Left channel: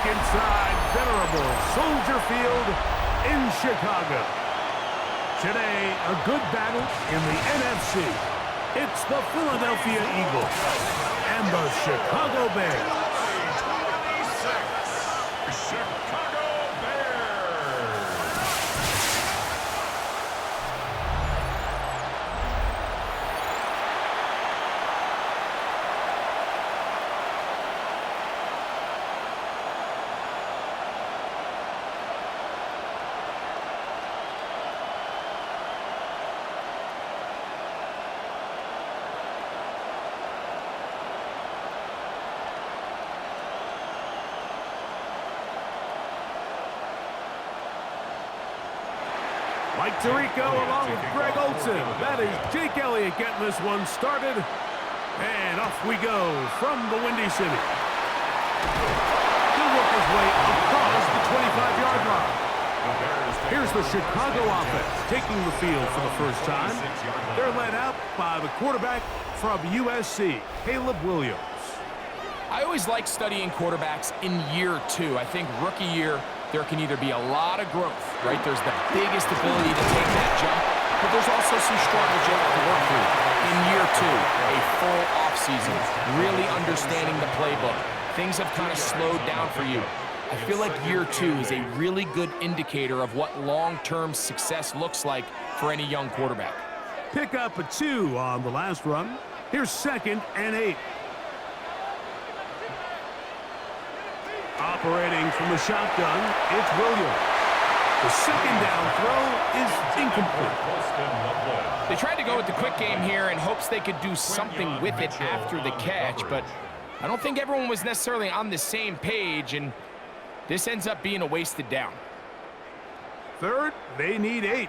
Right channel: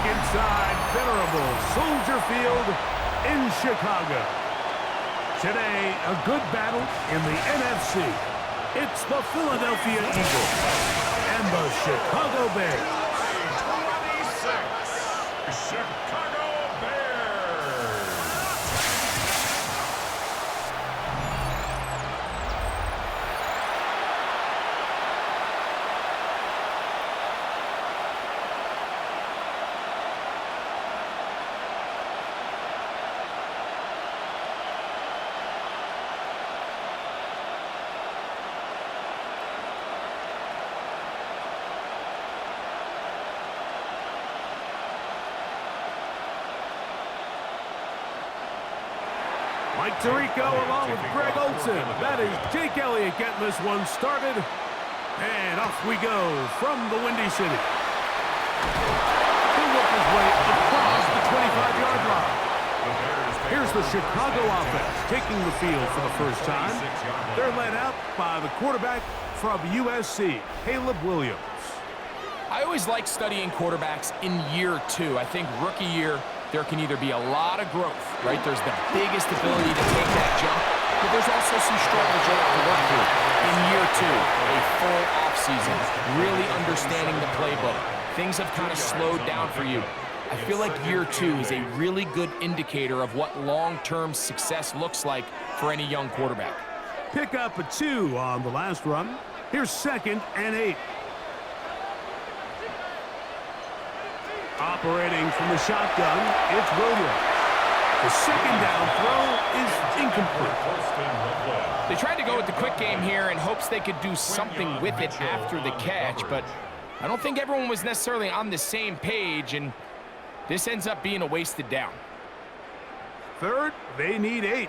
back inside venerable Soldier Field in Chicago. Today, a good battle in the NFC. It's the Philadelphia Eagles and the Chicago Bears. 26, Chicago Bears. Mike Tirico along with Greg Olson. That is Jake Elliott getting this one started. And off we go from the Windy City. He'll work his way across the 25-yard line. Here's the Chicago offense taking the field for the first time. They're led out by the quarterback from USC, Caleb Williams. I always like studying quarterbacks in year two. I think rookie year, there can either be a lot of growth, right? There's the biggest ability to take that jump, but there's also some struggles you have to work through. In year two, a full offseason, really understanding the playbook. Things have kind of slowed down for you. I feel like year two is a really good indicator of what long-term success looks like for any young quarterback. Pick up a 2 on the last run. Here's 2nd and 8. Operating from the shotgun, it's Williams. The second down throw is incomplete. They tried to go with the quick game here in hopes they could do something with it after the catch, but I don't think everyone was necessarily on the same page, and this ends up being a wasted down. Third, they need 8.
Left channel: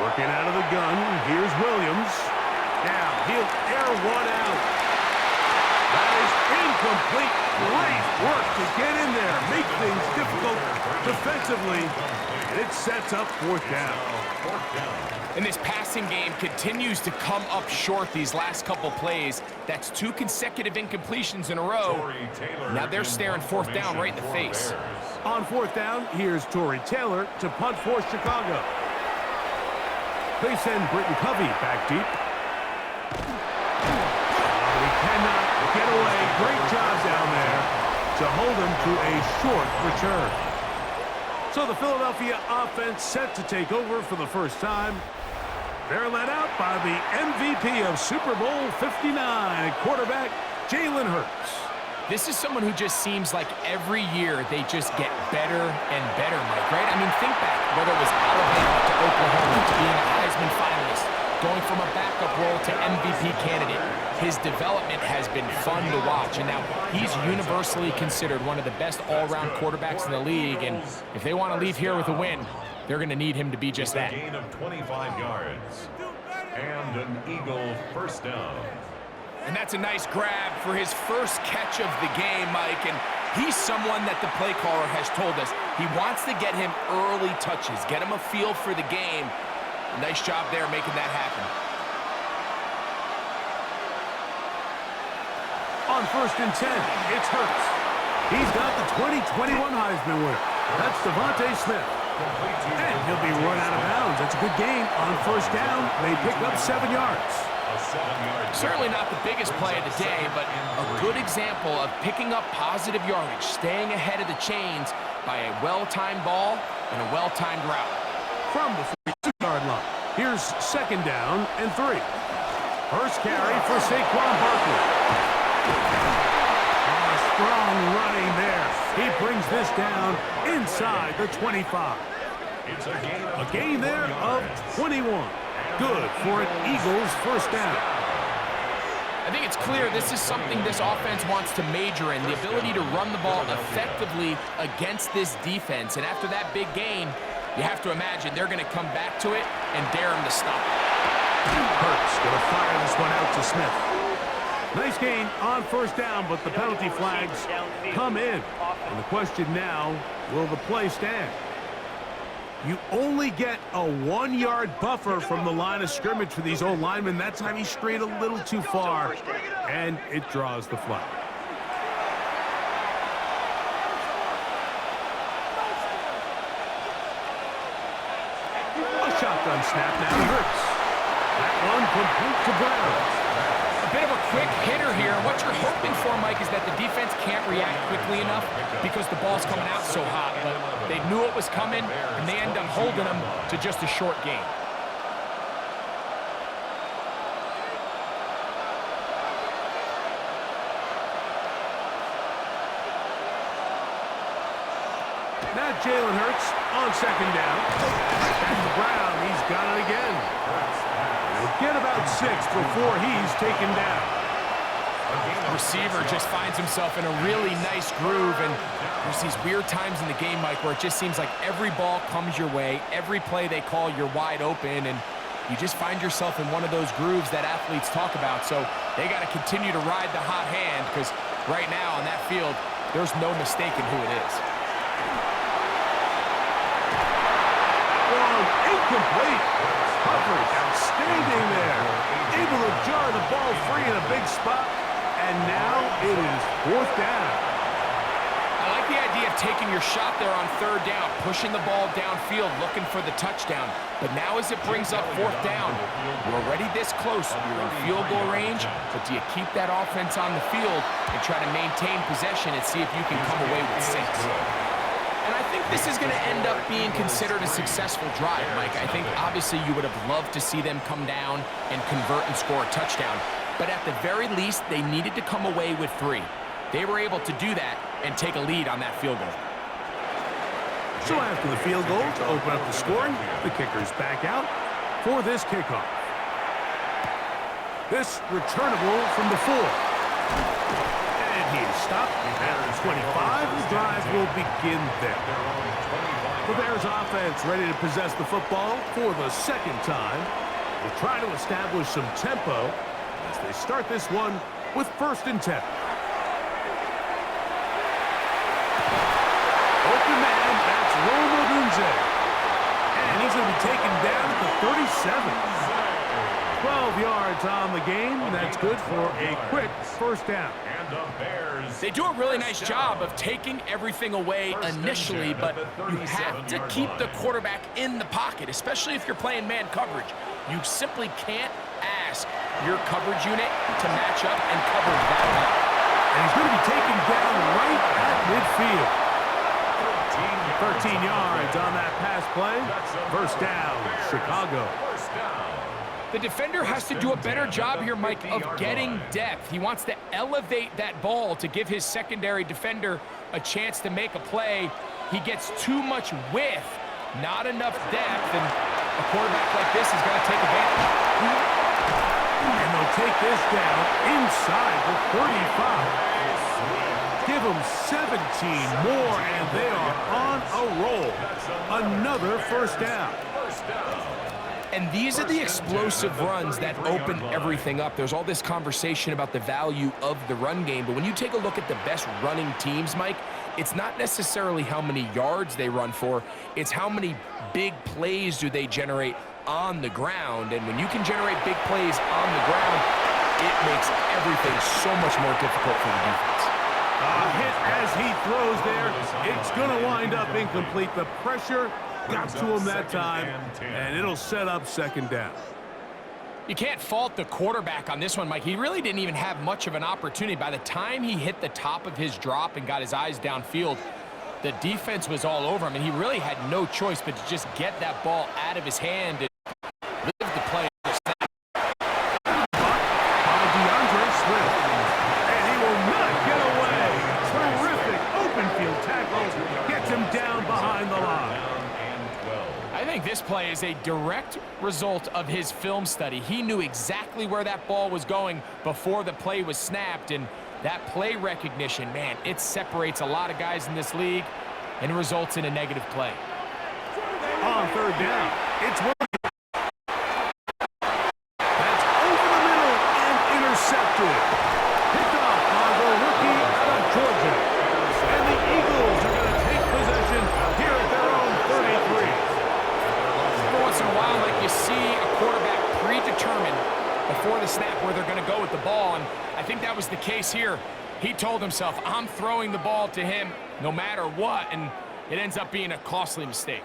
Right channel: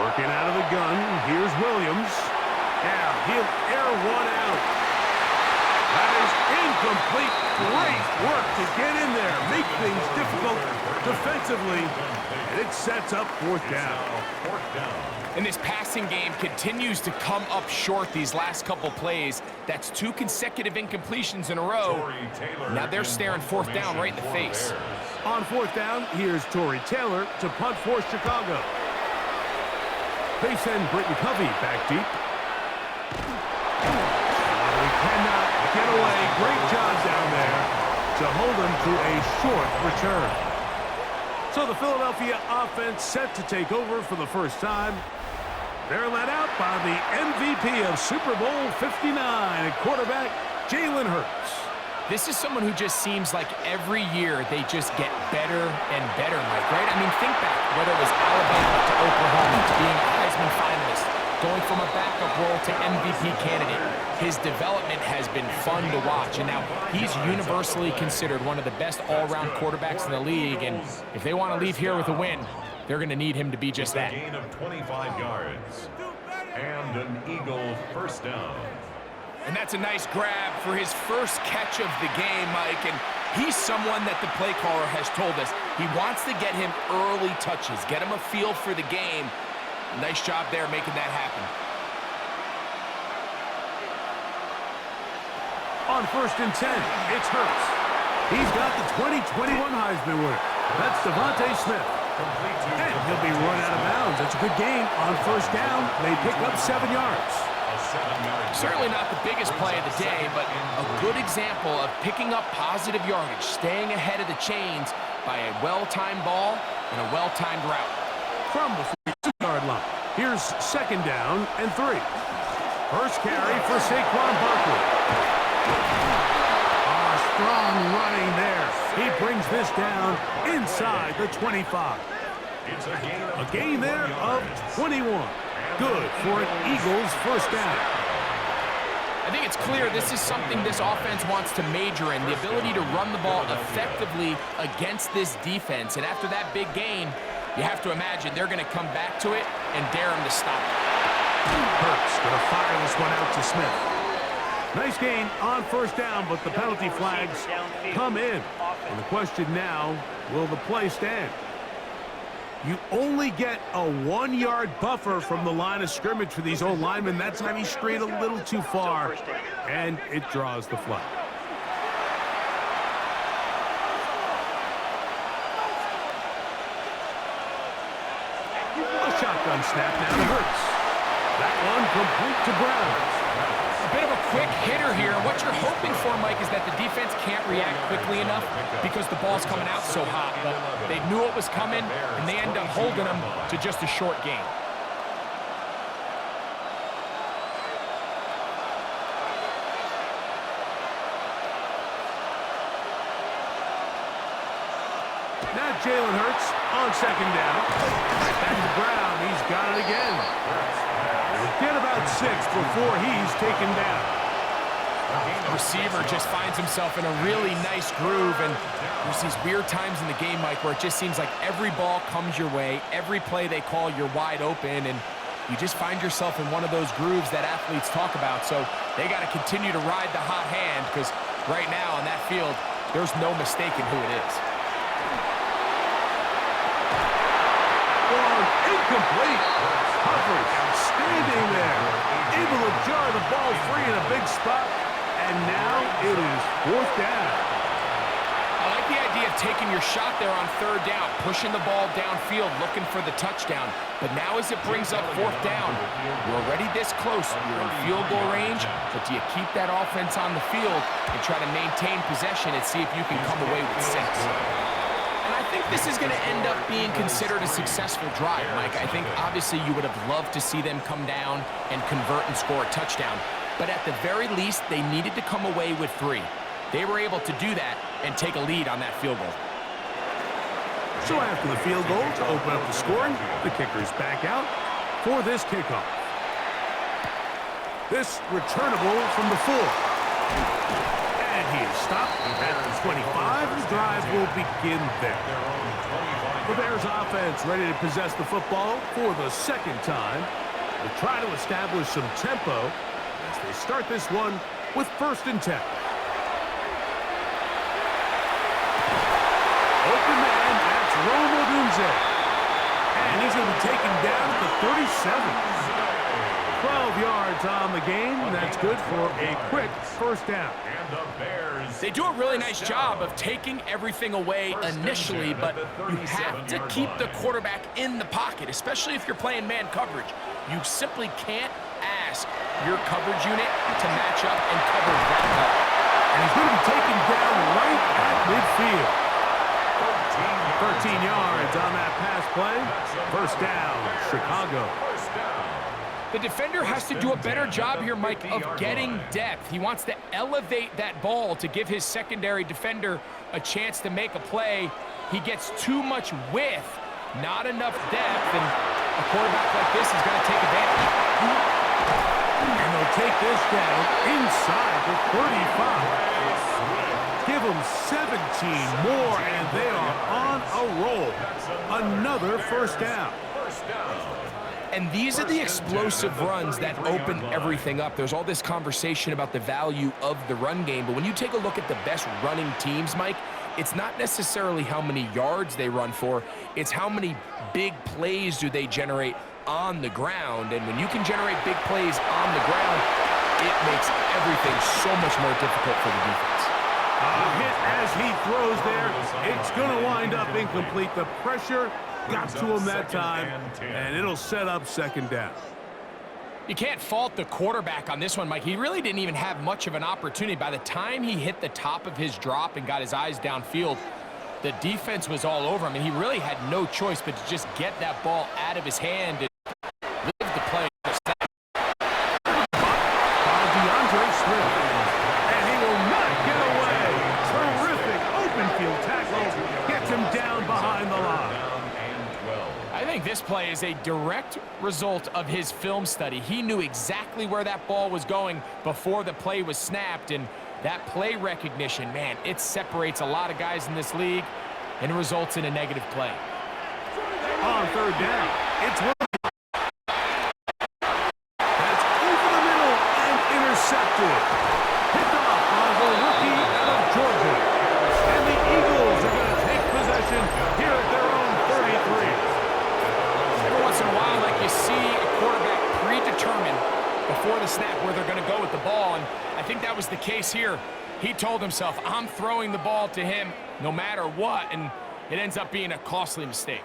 Working out of the gun, here's Williams. Now he'll air one out. That is incomplete. Great work to get in there, make things difficult defensively, and it sets up 4th down. And this passing game continues to come up short these last couple plays. That's 2 consecutive incompletions in a row. Now they're staring 4th down right in the face. On 4th down, here's Tory Taylor to punt for Chicago. They send Britton Covey back deep. He cannot get away. Great job down there to hold him to a short return. So the Philadelphia offense set to take over for the first time. They're led out by the MVP of Super Bowl 59 at quarterback, Jalen Hurts. This is someone who just seems like every year they just get better and better, Mike, right? I mean, think back, whether it was Alabama to Oklahoma to being a Heisman finalist, going from a backup role to MVP candidate. His development has been fun to watch, and now he's universally considered one of the best all-around quarterbacks in the league, and if they want to leave here with a win, they're going to need him to be just that. Gain of 25 yards and an Eagle first down. And that's a nice grab for his first catch of the game, Mike, and he's someone that the play caller has told us he wants to get him early touches, get him a feel for the game. Nice job there making that happen. On 1st and 10, it's Hurts. He's got the 2021 Heisman winner. That's Devontae Smith. And he'll be run out of bounds. That's a good gain on 1st down. They pick up 7 yards. Certainly not the biggest play of the day, but a good example of picking up positive yardage, staying ahead of the chains by a well-timed ball and a well-timed route. From the 42-yard line, here's 2nd down and 3. First carry for Saquon Barkley. Strong running there. He brings this down inside the 25. A gain there of 21. Good for an Eagles first down. I think it's clear this is something this offense wants to major in, the ability to run the ball effectively against this defense. And after that big gain, you have to imagine they're going to come back to it and dare him to stop it. Hurts going to fire this one out to Smith. Nice gain on 1st down, but the penalty flags come in. And the question now, will the play stand? You only get a 1-yard buffer from the line of scrimmage for these old linemen. That time he strayed a little too far, and it draws the flag. A shotgun snap now to Hurts. That one complete to Brown. A bit of a quick hitter here. What you're hoping for, Mike, is that the defense can't react quickly enough because the ball's coming out so hot. But they knew it was coming, and they end up holding them to just a short gain. Now Jalen Hurts on second down. Back to Brown. He's got it again. He'll get about 6 before he's taken down. The receiver just finds himself in a really nice groove, and there's these weird times in the game, Mike, where it just seems like every ball comes your way, every play they call, you're wide open, and you just find yourself in one of those grooves that athletes talk about. So they got to continue to ride the hot hand, because right now on that field, there's no mistaking who it is. Long, incomplete. Coverage, outstanding there. Able to jar the ball free in a big spot. And now it is 4th down. I like the idea of taking your shot there on 3rd down, pushing the ball downfield, looking for the touchdown. But now as it brings up 4th down, you're already this close. You're in field goal range, but do you keep that offense on the field and try to maintain possession and see if you can come away with 6? And I think this is going to end up being considered a successful drive, Mike. I think obviously you would have loved to see them come down and convert and score a touchdown. But at the very least, they needed to come away with 3. They were able to do that and take a lead on that field goal. So after the field goal to open up the scoring, the kicker's back out for this kickoff. This returnable from the 4. And he is stopped at the 25. The drive will begin there. The Bears offense ready to possess the football for the 2nd time. Will try to establish some tempo as they start this one with 1st and 10. Open man, that's Rome Odunze. And he's going to be taken down at the 37. 12 yards on the game. That's good for a quick 1st down. They do a really nice job of taking everything away initially, but you have to keep the quarterback in the pocket, especially if you're playing man coverage. You simply can't ask your coverage unit to match up and cover that well. And he's going to be taken down right at midfield. 13 yards on that pass play. 1st down, Chicago. The defender has to do a better job here, Mike, of getting depth. He wants to elevate that ball to give his secondary defender a chance to make a play. He gets too much width, not enough depth, and a quarterback like this is going to take advantage. And they'll take this down inside the 35. Give them 17 more, and they are on a roll. Another 1st down. And these are the explosive runs that open everything up. There's all this conversation about the value of the run game, but when you take a look at the best running teams, Mike, it's not necessarily how many yards they run for, it's how many big plays do they generate on the ground. And when you can generate big plays on the ground, it makes everything so much more difficult for the defense. Hit as he throws there. It's going to wind up incomplete. The pressure got to him that time, and it'll set up 2nd down. You can't fault the quarterback on this one, Mike. He really didn't even have much of an opportunity. By the time he hit the top of his drop and got his eyes downfield, the defense was all over him, and he really had no choice but to just get that ball out of his hand and live the play. By DeAndre Swift, and he will not get away. Terrific open field tackle. Gets him down behind the line. I think this play is a direct result of his film study. He knew exactly where that ball was going before the play was snapped, and that play recognition, man, it separates a lot of guys in this league and results in a negative play. On 3rd down, it's Williams. That's over the middle and intercepted. Picked off by the rookie out of Georgia. And the Eagles are going to take possession here at their own 33. see a quarterback predetermined before the snap where they're going to go with the ball, and I think that was the case here. He told himself, I'm throwing the ball to him no matter what, and it ends up being a costly mistake.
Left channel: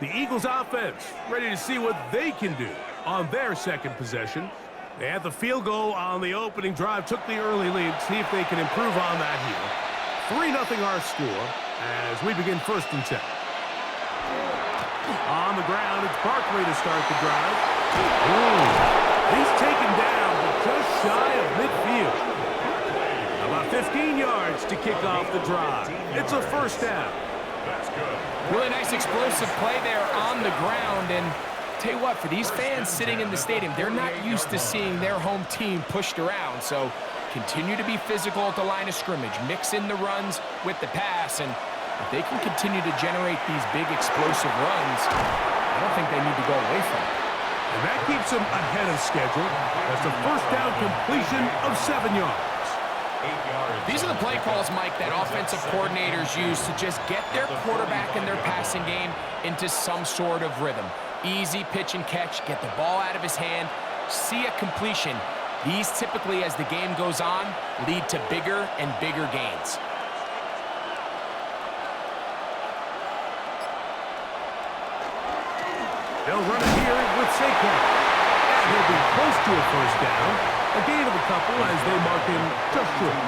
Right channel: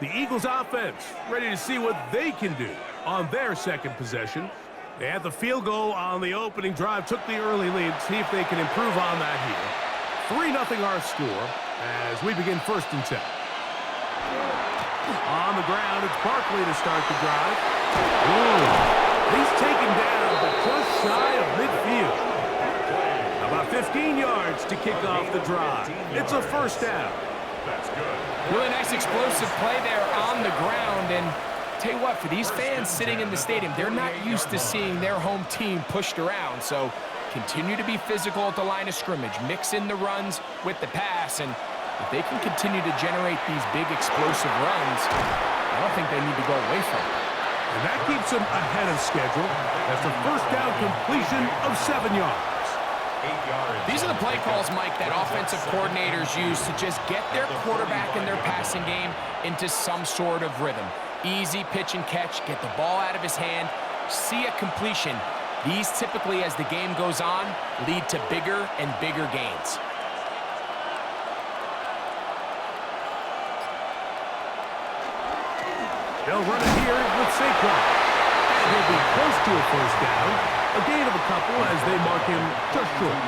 The Eagles offense ready to see what they can do on their second possession. They had the field goal on the opening drive, took the early lead. See if they can improve on that here. 3-0 our score as we begin 1st and 10. On the ground, it's Barkley to start the drive. Ooh, he's taken down, but just shy of midfield. About 15 yards to kick off the drive. It's a 1st down. That's good. Really nice explosive play there on the ground, and tell you what, for these fans sitting in the stadium, they're not used to seeing their home team pushed around, so continue to be physical at the line of scrimmage, mix in the runs with the pass, and if they can continue to generate these big explosive runs, I don't think they need to go away from it. And that keeps them ahead of schedule. That's a 1st down completion of 7 yards. 8 yards. These are the play calls, Mike, that offensive coordinators use to just get their quarterback and their passing game into some sort of rhythm. Easy pitch and catch, get the ball out of his hand, see a completion. These typically, as the game goes on, lead to bigger and bigger gains. They'll run it here with Saquon. And he'll be close to a 1st down. A gain of a couple as they mark him just short.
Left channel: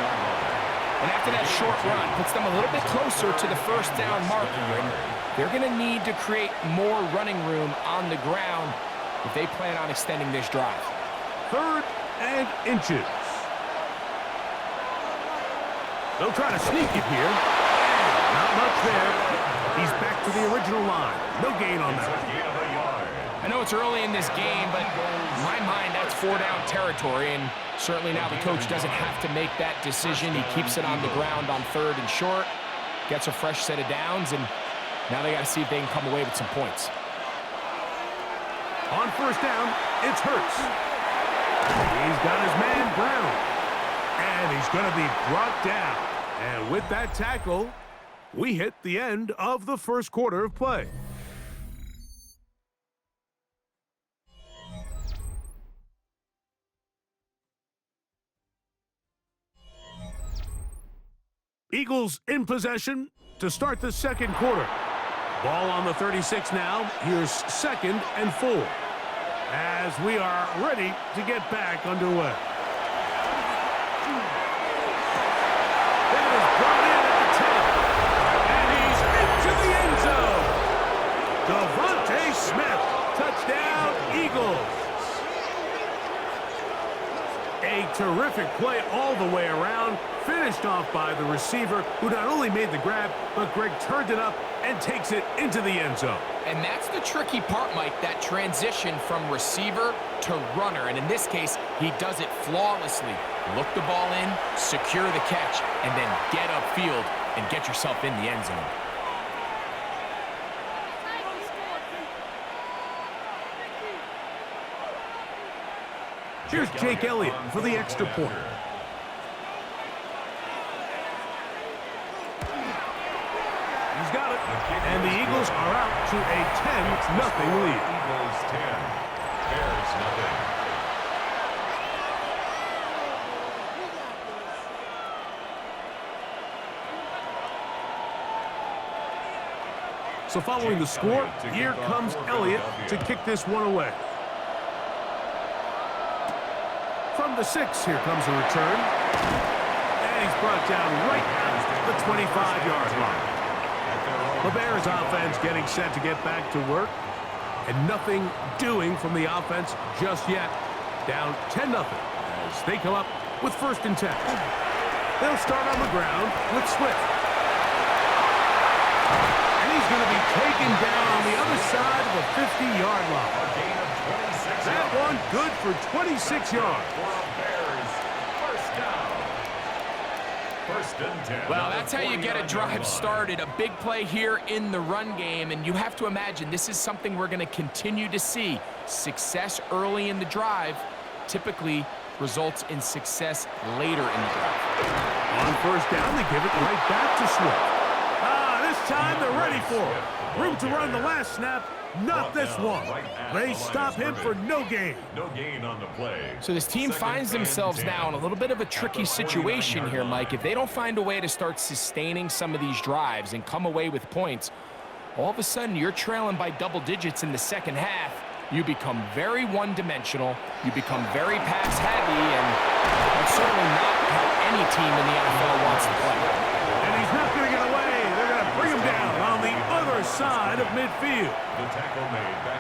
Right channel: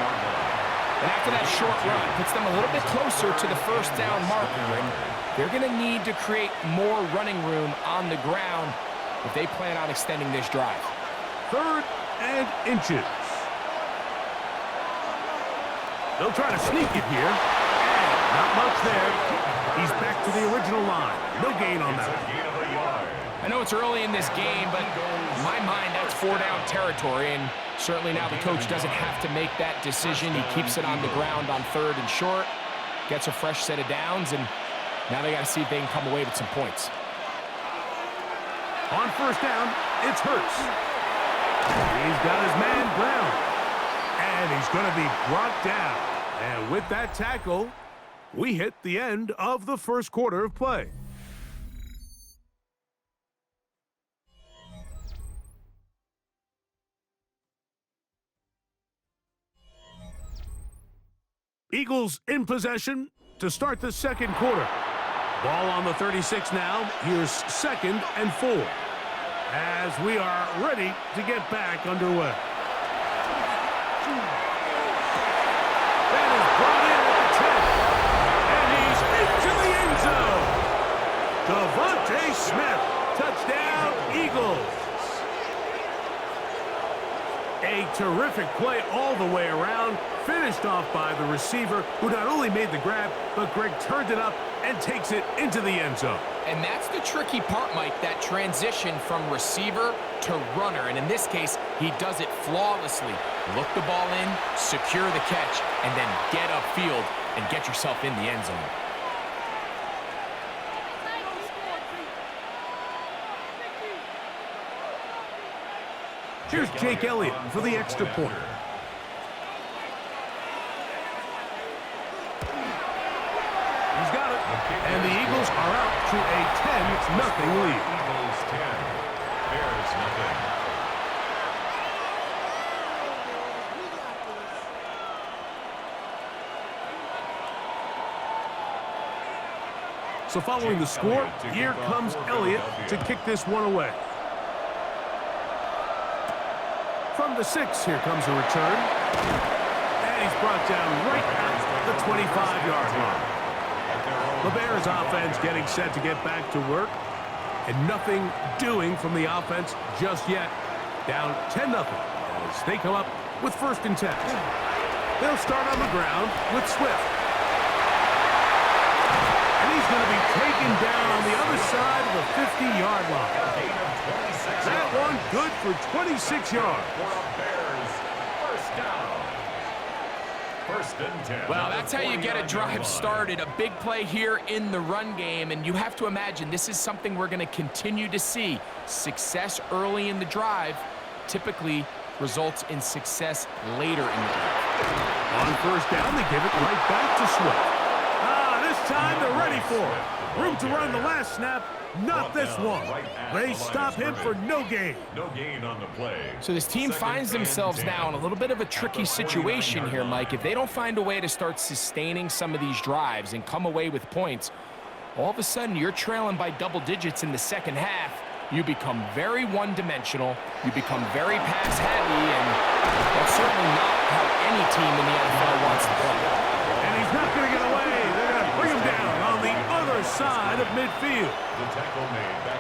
And after that short run, puts them a little bit closer to the 1st down marker. And they're going to need to create more running room on the ground if they plan on extending this drive. 3rd and inches. They'll try to sneak it here. And not much there. He's back to the original line. No gain on that. I know it's early in this game, but in my mind, that's 4-down territory, and certainly now the coach doesn't have to make that decision. He keeps it on the ground on 3rd and short, gets a fresh set of downs, and now they got to see if they can come away with some points. On 1st down, it's Hurts. He's got his man Brown, and he's going to be brought down. And with that tackle, we hit the end of the 1st quarter of play. Eagles in possession to start the 2nd quarter. Ball on the 36 now. Here's 2nd and 4. As we are ready to get back underway. That is brought in at the 10. And he's into the end zone. Devontae Smith. Touchdown, Eagles. A terrific play all the way around, finished off by the receiver, who not only made the grab, but Greg turned it up and takes it into the end zone. And that's the tricky part, Mike, that transition from receiver to runner. And in this case, he does it flawlessly. Look the ball in, secure the catch, and then get upfield and get yourself in the end zone. Here's Jake Elliott for the extra point. He's got it. And the Eagles are out to a 10-0 lead. Eagles 10, Bears 0. So following the score, here comes Elliott to kick this one away. From the 6, here comes a return. And he's brought down right at the 25-yard line. The Bears offense getting set to get back to work. And nothing doing from the offense just yet. Down 10-0 as they come up with 1st and 10. They'll start on the ground with Swift. And he's going to be taken down on the other side of the 50-yard line. A gain of 26 That yards. one good for 26 yards. For a Bears 1st down. 1st and 10. Well, that's how you get a drive started. A big play here in the run game, and you have to imagine this is something we're going to continue to see. Success early in the drive typically results in success later in the drive. On 1st down, they give it right back to Swift. This time, they're ready for it. Room to run the last snap. Not this one. They stop him for no gain. No gain on the play. So this team finds themselves now in a little bit of a tricky situation here, Mike. If they don't find a way to start sustaining some of these drives and come away with points, all of a sudden you're trailing by double digits in the second half. You become very one-dimensional. You become very pass-heavy, and that's certainly not how any team in the NFL wants to play. And he's not going to get away. They're going to bring him down on the other side of midfield.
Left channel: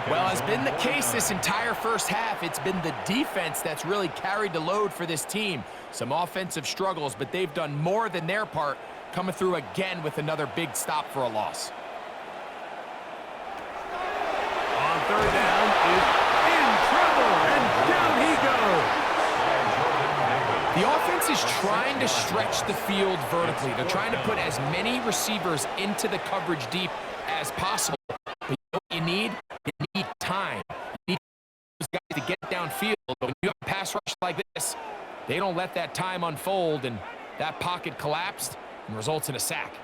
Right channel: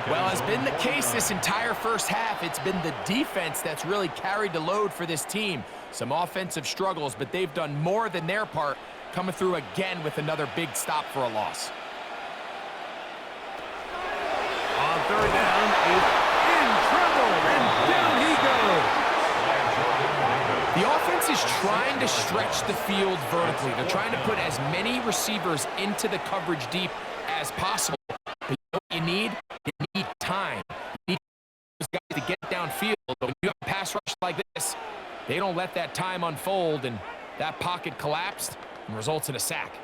Well, as been the case this entire first half, it's been the defense that's really carried the load for this team. Some offensive struggles, but they've done more than their part, coming through again with another big stop for a loss. On third down is in trouble, and down he goes. The offense is trying to stretch the field vertically. They're trying to put as many receivers into the coverage deep as possible. But you know what you need? You need time. You need those guys to get downfield. But when you have a pass rush like this, they don't let that time unfold, and that pocket collapsed and results in a sack.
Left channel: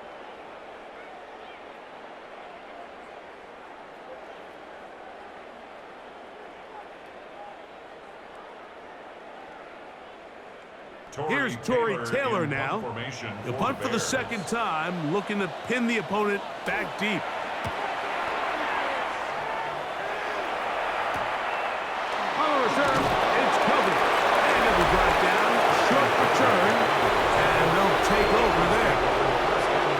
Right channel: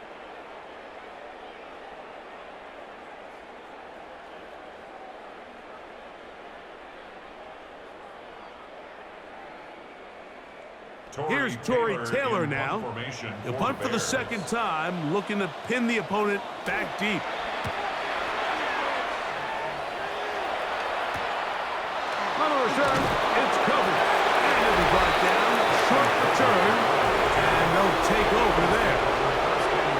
Here's Torrey Taylor now. He'll punt for the second time, looking to pin the opponent back deep. On the return, it's Covey. And he'll be brought down. Short return. And they'll take over there.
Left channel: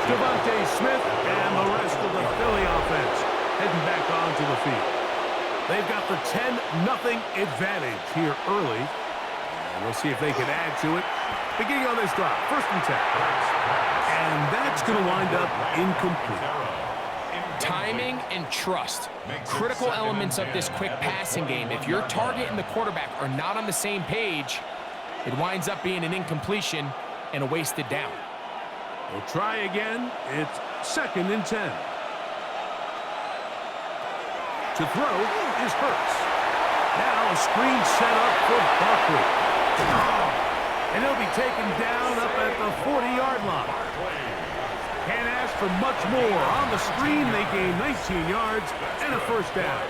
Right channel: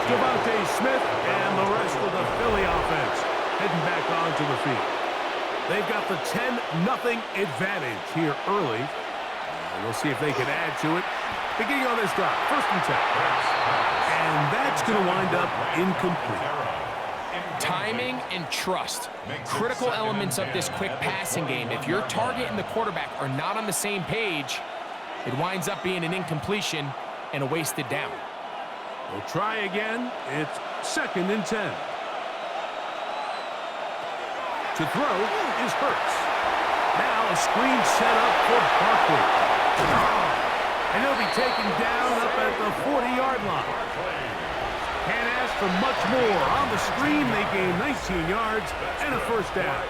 Devontae Smith and the rest of the Philly offense heading back onto the field. They've got the 10-0 advantage here early. And we'll see if they can add to it. Beginning on this drive, 1st and 10. And that's going to wind up incomplete. Timing and trust, critical elements of this quick passing game. If your target and the quarterback are not on the same page, it winds up being an incompletion and a wasted down. We'll try again. It's 2nd and 10. To throw is Hurts. Now a screen set up for Barkley. And he'll be taken down up at the 40-yard line. Can't ask for much more. On the screen, they gain 19 yards and a 1st down.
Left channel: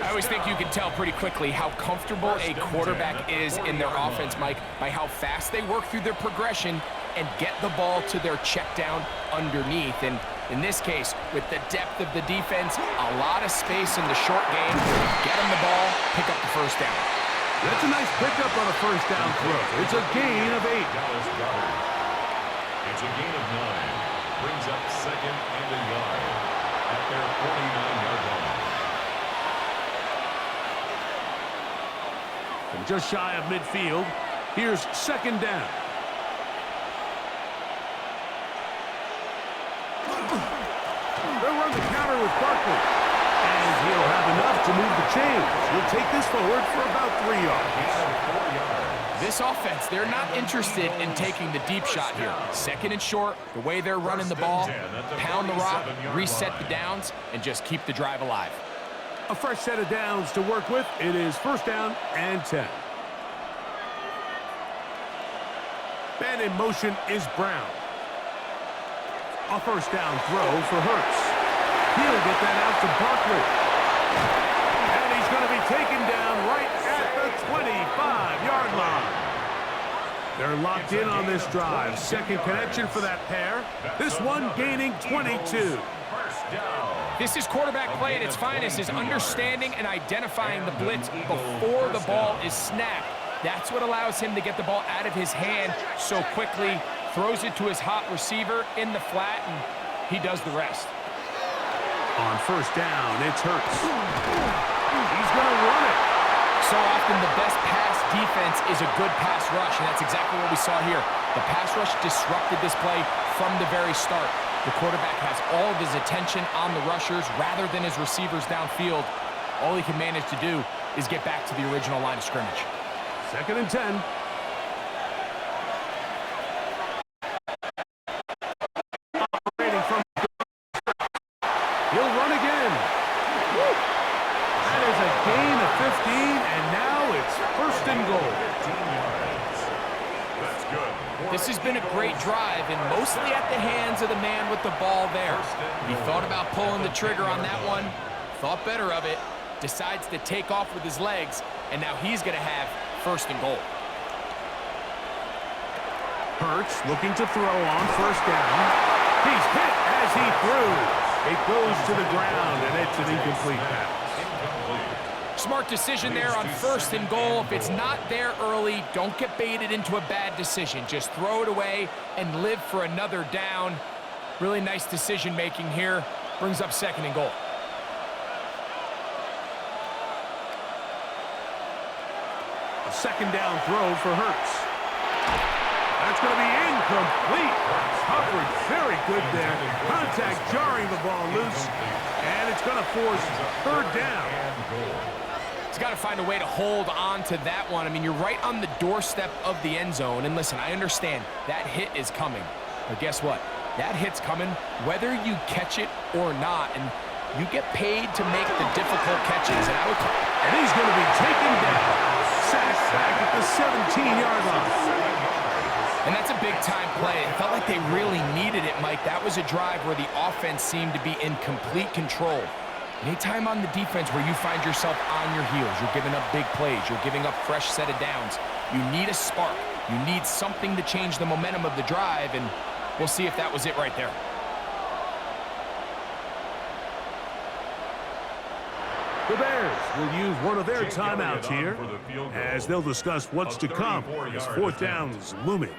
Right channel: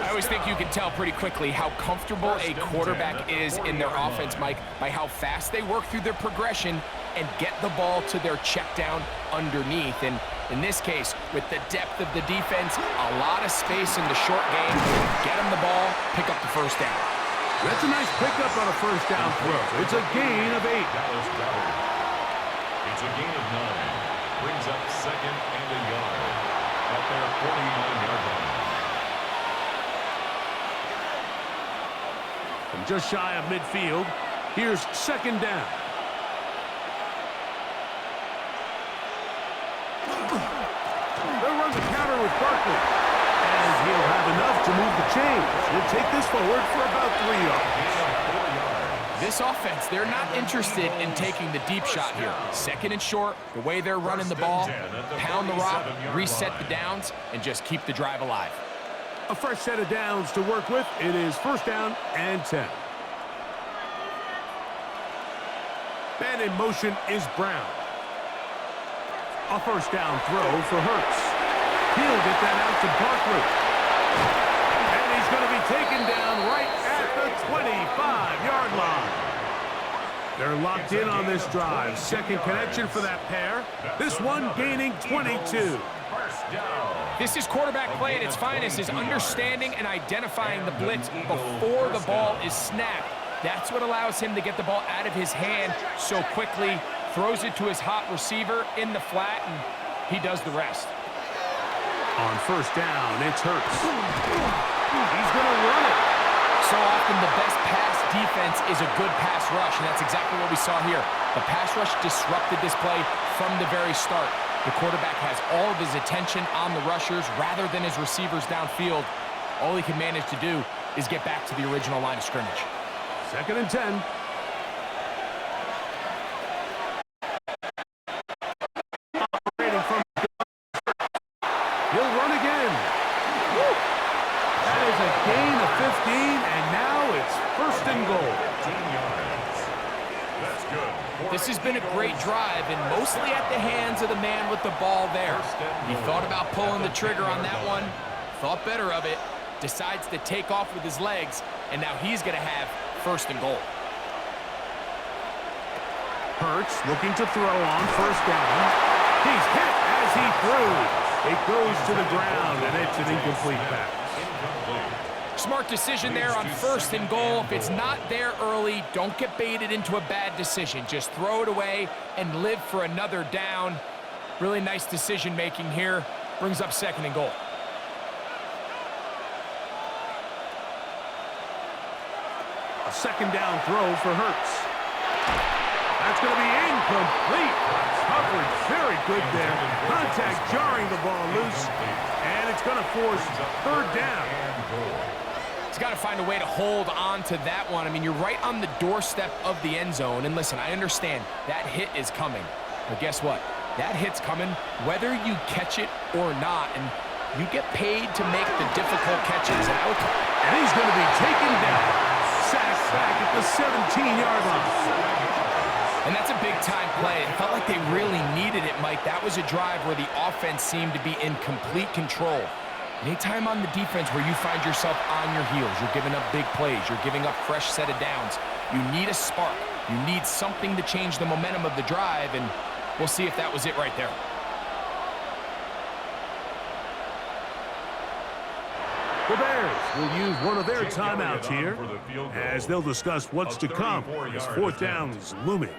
I always think you can tell pretty quickly how comfortable a quarterback is in their offense, Mike, by how fast they work through their progression and get the ball to their check down underneath. And in this case, with the depth of the defense, a lot of space in the short game, get them the ball, pick up the 1st down. That's a nice pickup on a 1st down throw. It's a gain of 8. It's a gain of 9. Brings up 2nd and a yard at their 49-yard line. From just shy of midfield, here's 2nd down. They'll run the counter with Barkley. And he'll have enough to move the chains. He'll take this forward for about 3 yards. This offense, they're not interested in taking the deep shot here. 2nd and short, the way they're running the ball, pound the rock, reset the downs, and just keep the drive alive. A fresh set of downs to work with. It is 1st down and 10. Man in motion is Brown. A 1st down throw for Hurts. He'll get that out to Barkley. And he's going to be taken down right at the 25-yard line. They're locked in on this drive. 2nd connection for that pair. This one gaining 22. This is quarterback play at its finest, is understanding and identifying the blitz before the ball is snapped. That's what allows him to get the ball out of his hand so quickly, throws it to his hot receiver in the flat, and he does the rest. On 1st down, it's Hurts. He's going to run it. So often the best pass defense is a good pass rush, and that's exactly what we saw here. The pass rush disrupted this play from the very start. The quarterback has all of his attention on the rushers rather than his receivers downfield. All he can manage to do is get back to the original line of scrimmage. 2nd and 10. Operating from he'll run again. Woo. That is a gain of 15, and now it's 1st and goal. 15 yards. That's good. This has been a great drive, and mostly at the hands of the man with the ball there. He thought about pulling the trigger on that one, thought better of it, decides to take off with his legs, and now he's going to have first and goal. Hurts looking to throw on first down. He's hit as he threw. It goes to the ground, and it's an incomplete pass. Smart decision there on first and goal. If it's not there early, don't get baited into a bad decision. Just throw it away and live for another down. Really nice decision-making here. Brings up second and goal. A second down throw for Hurts. That's going to be incomplete. Coverage very good there. Contact jarring the ball loose. And it's going to force third down. He's got to find a way to hold on to that one. I mean, you're right on the doorstep of the end zone. And listen, I understand that hit is coming. But guess what? That hit's coming whether you catch it or not. And you get paid to make the difficult catches. And he's going to be taken down. Sacked back at the 17-yard line. And that's a big-time play. It felt like they really needed it, Mike. That was a drive where the offense seemed to be in complete control. Anytime on the defense where you find yourself on your heels, you're giving up big plays, you're giving up fresh set of downs, you need a spark. You need something to change the momentum of the drive, and we'll see if that was it right there. The Bears will use one of their timeouts here as they'll discuss what's to come as fourth down is looming.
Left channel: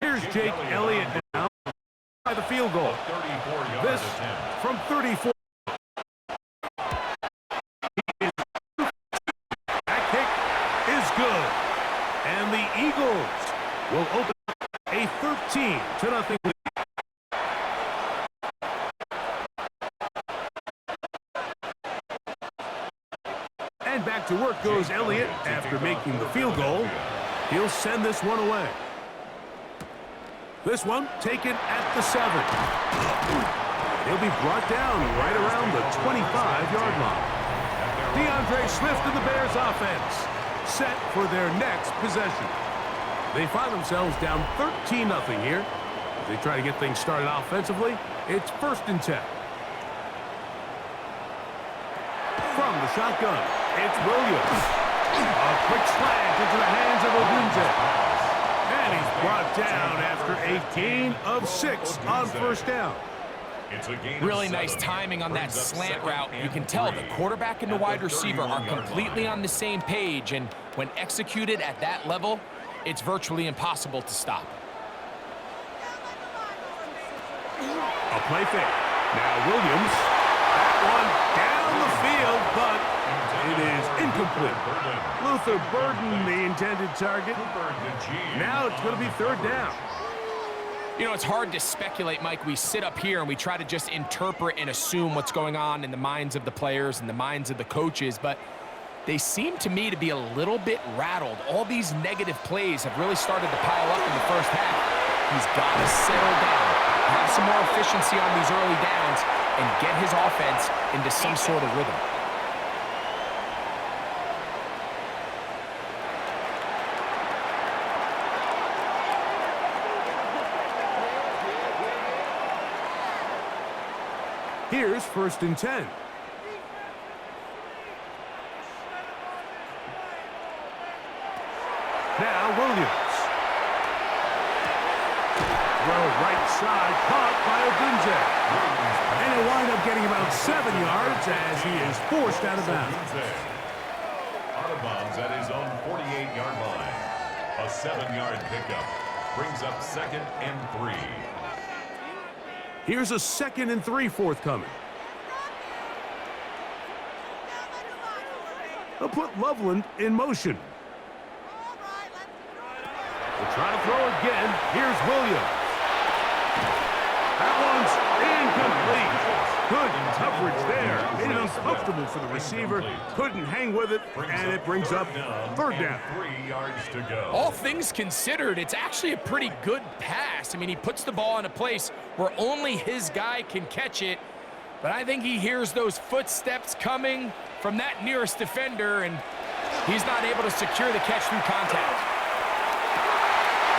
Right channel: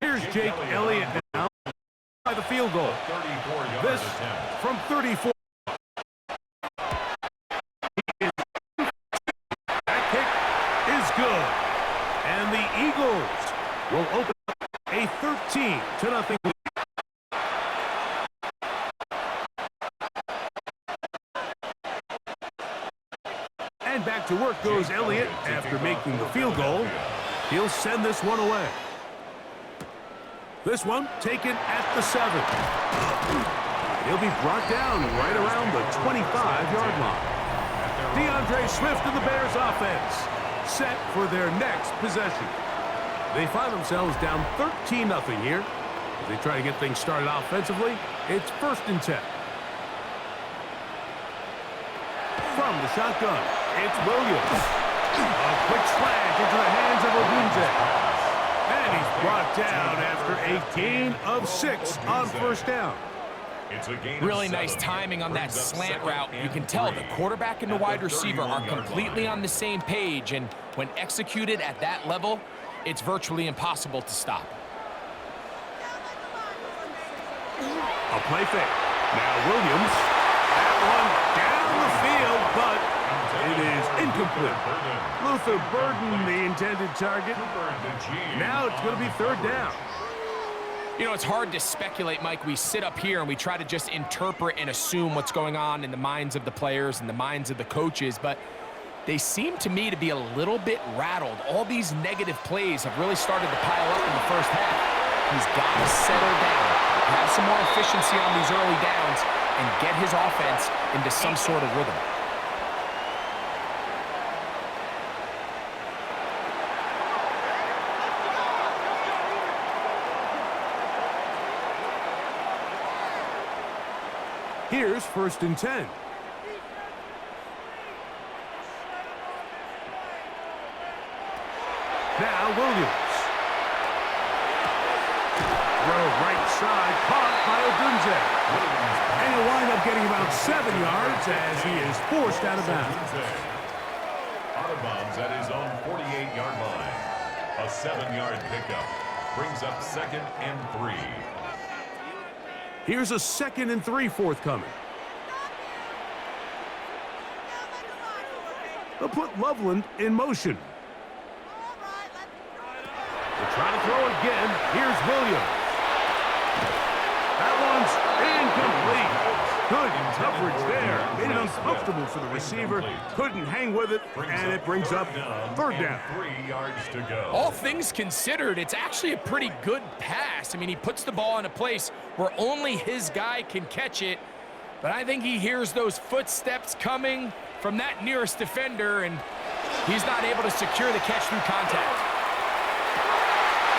Here's Jake Elliott now by the field goal. This from 34. That kick is good. And the Eagles will open up a 13-0 lead. And back to work goes Elliott after making the field goal. He'll send this one away. This one taken at the 7. He'll be brought down right around the 25-yard line. DeAndre Swift and the Bears offense set for their next possession. They find themselves down 13-0 here. As they try to get things started offensively, it's 1st and 10. From the shotgun, it's Williams. A quick slant into the hands of Odunze. And he's brought down after a gain of 6 on first down. Really nice timing on that slant route. You can tell the quarterback and the wide receiver are completely on the same page, and when executed at that level, it's virtually impossible to stop. A play fake. Now Williams. That one down the field, but it is incomplete. Luther Burden, the intended target. Now it's going to be 3rd down. You know, it's hard to speculate, Mike. We sit up here and we try to just interpret and assume what's going on in the minds of the players and the minds of the coaches, but they seem to me to be a little bit rattled. All these negative plays have really started to pile up in the first half. He's got to settle down, have some more efficiency on these early downs, and get his offense into some sort of rhythm. Here's 1st and 10. Now Williams. Throw right side, caught by Odunze. And he'll wind up getting about 7 yards as he is forced out of bounds. Out of bounds at his own 48-yard line. A 7-yard pickup brings up 2nd and 3. Here's a 2nd and 3 forthcoming. They'll put Loveland in motion. They'll try to throw again. Here's Williams. That one's incomplete. Good coverage there. Made it uncomfortable for the receiver. Couldn't hang with it, and it brings up third down. 3 yards to go. All things considered, it's actually a pretty good pass. I mean, he puts the ball in a place where only his guy can catch it, but I think he hears those footsteps coming from that nearest defender, and he's not able to secure the catch through contact.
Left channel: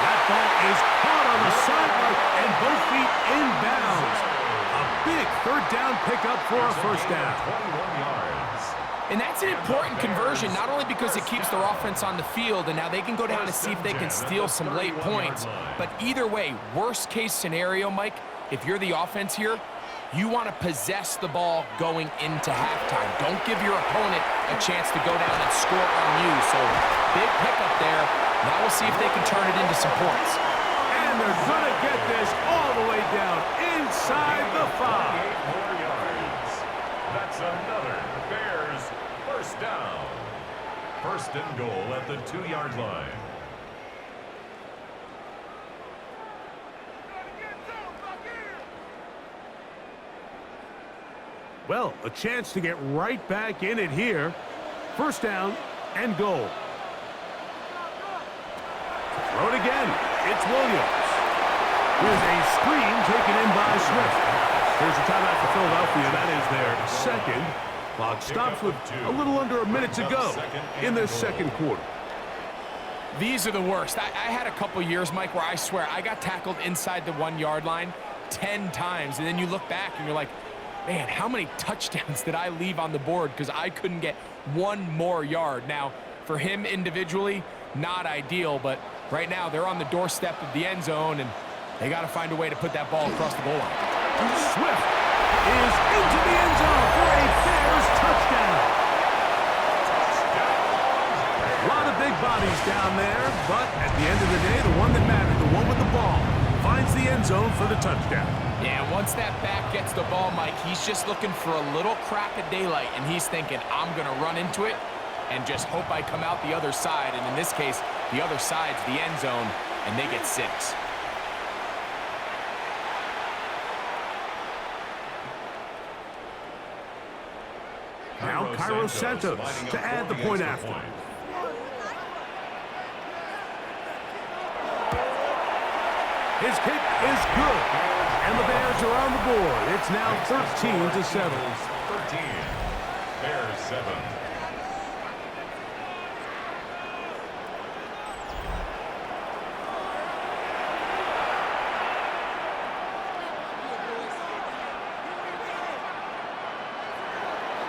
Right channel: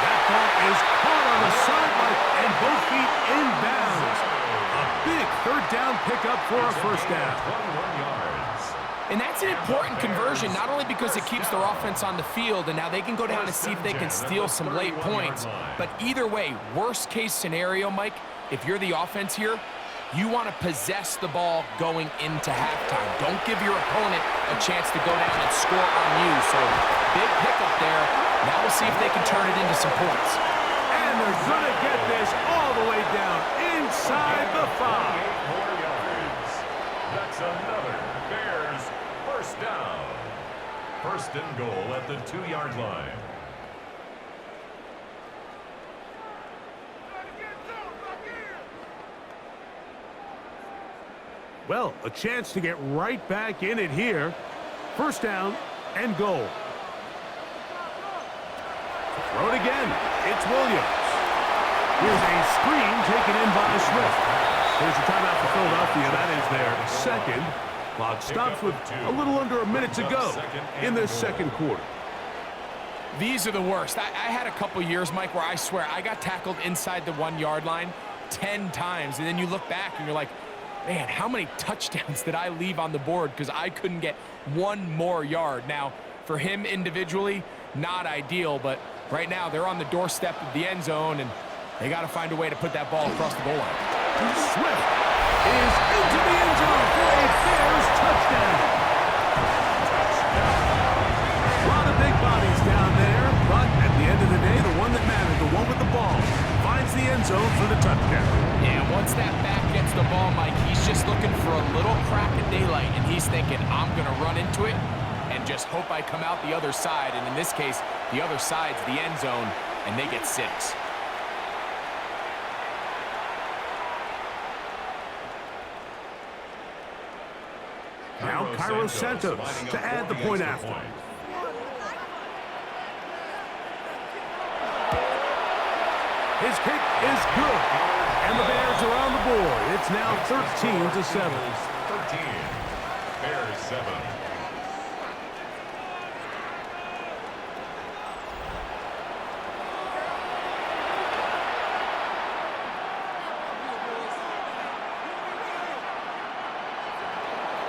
That ball is caught on the sideline, and both feet inbounds. A big third down pickup for a first down. 21 yards. And that's an important conversion, not only because it keeps their offense on the field, and now they can go down and see if they can steal some late points. But either way, worst case scenario, Mike, if you're the offense here, you want to possess the ball going into halftime. Don't give your opponent a chance to go down and score on you. So big pickup there. Now we'll see if they can turn it into some points. And they're going to get this all the way down inside the 5. 8 more yards. That's another Bears first down. First and goal at the 2-yard line. Well, a chance to get right back in it here. First down and goal. Throw it again. It's Williams. Here's a screen taken in by Swift. Here's a timeout for Philadelphia. That is their second. Clock stops with a little under a minute to go in this second quarter. These are the worst. I had a couple years, Mike, where I swear I got tackled inside the 1-yard line 10 times. And then you look back and you're like, man, how many touchdowns did I leave on the board because I couldn't get one more yard? Now, for him individually, not ideal, but right now they're on the doorstep of the end zone, and they got to find a way to put that ball across the goal line. Swift is into the end zone for a Bears touchdown. A lot of big bodies down there, but at the end of the day, the one that mattered, the one with the ball, finds the end zone for the touchdown. Yeah, once that back gets the ball, Mike, he's just looking for a little crack of daylight, and he's thinking, I'm going to run into it and just hope I come out the other side. And in this case, the other side's the end zone, and they get 6. Now Cairo Santos to add the point after. His kick is good, and the Bears are on the board. It's now 13-7. 13. Bears 7.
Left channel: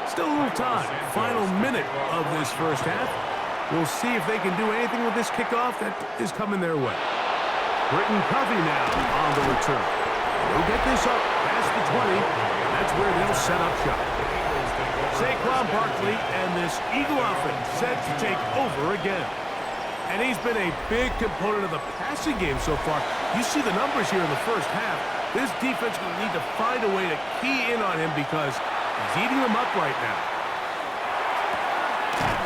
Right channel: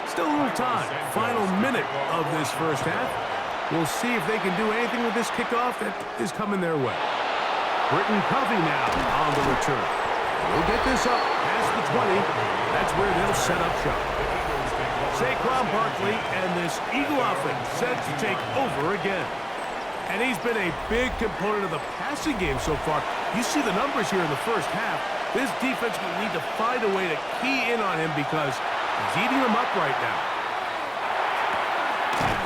Still a little time. Final minute of this first half. We'll see if they can do anything with this kickoff that is coming their way. Britton Covey now on the return. He'll get this up past the 20. That's where they'll set up shop. Saquon Barkley and this Eagle offense set to take over again. And he's been a big component of the passing game so far. You see the numbers here in the first half. This defense will need to find a way to key in on him because he's eating them up right now.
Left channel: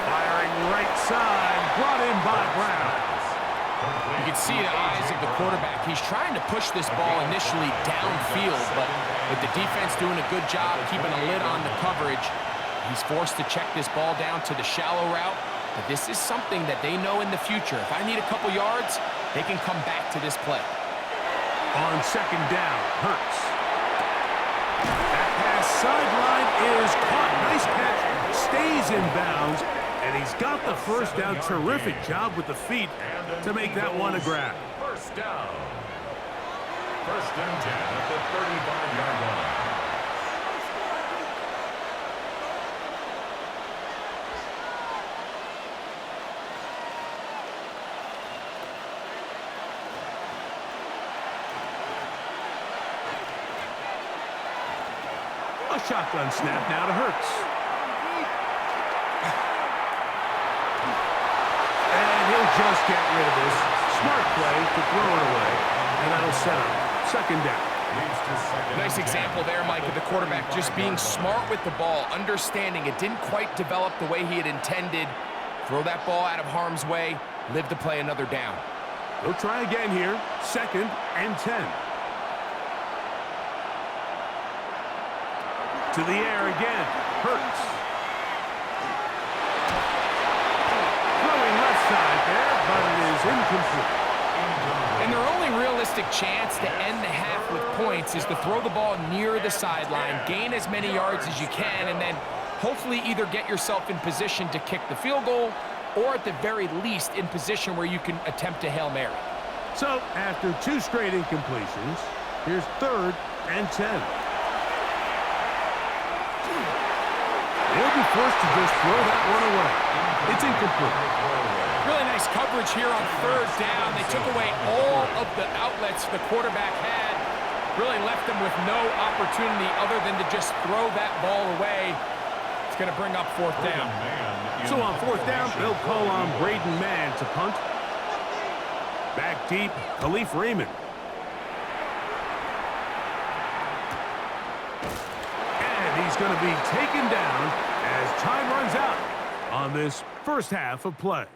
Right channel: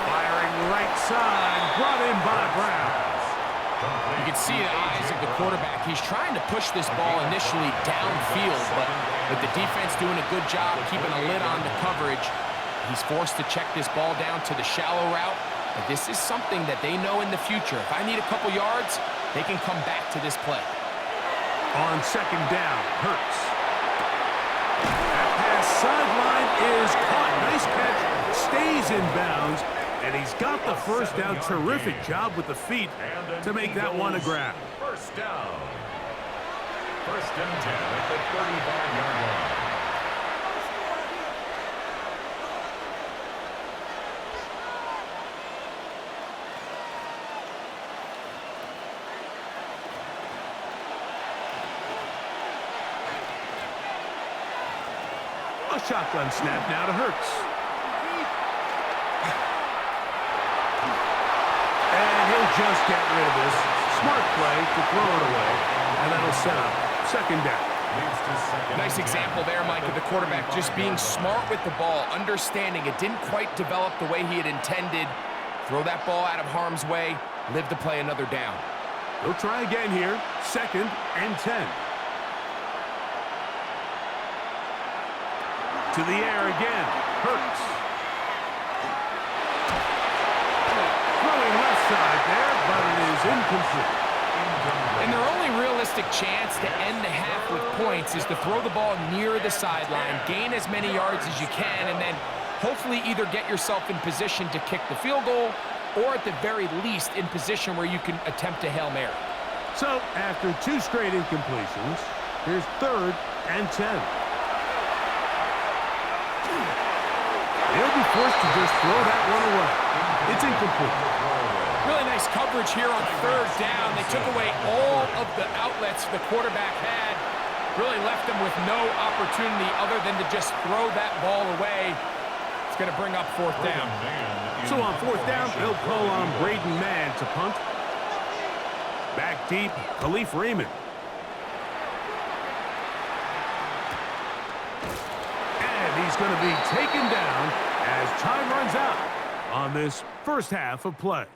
Firing right side, brought in by Brown. You can see the eyes of the quarterback. He's trying to push this ball initially downfield, but with the defense doing a good job keeping a lid on the coverage, he's forced to check this ball down to the shallow route. But this is something that they know in the future. If I need a couple yards, they can come back to this play. On second down, Hurts. That pass sideline is caught. Nice catch. Stays in bounds. And he's got the first down. Terrific job with the feet to make that one a grab. First down. First and 10 at the 35-yard line. A shotgun snap now to Hurts. And he'll just get rid of this. Smart play to throw it away. And that'll set up second down. Nice example there, Mike, of the quarterback just being smart with the ball, understanding it didn't quite develop the way he had intended. Throw that ball out of harm's way, live to play another down. He'll try again here. Second and 10. To the air again. Hurts. Throwing left side there, but it is incomplete. And their only realistic chance to end the half with points is to throw the ball near the sideline, gain as many yards as you can, and then hopefully either get yourself in position to kick the field goal or at the very least in position where you can attempt a Hail Mary. So after 2 straight incompletions, here's 3rd and 10. They'll be forced to just throw that one away. It's incomplete. Really nice coverage here on 3rd down. They took away all of the outlets the quarterback had. Really left them with no opportunity other than to just throw that ball away. It's going to bring up 4th down. So on 4th down, they'll call on Braden Mann to punt. Back deep, Khalif Raymond. And he's going to be taken down as time runs out on this first half of play.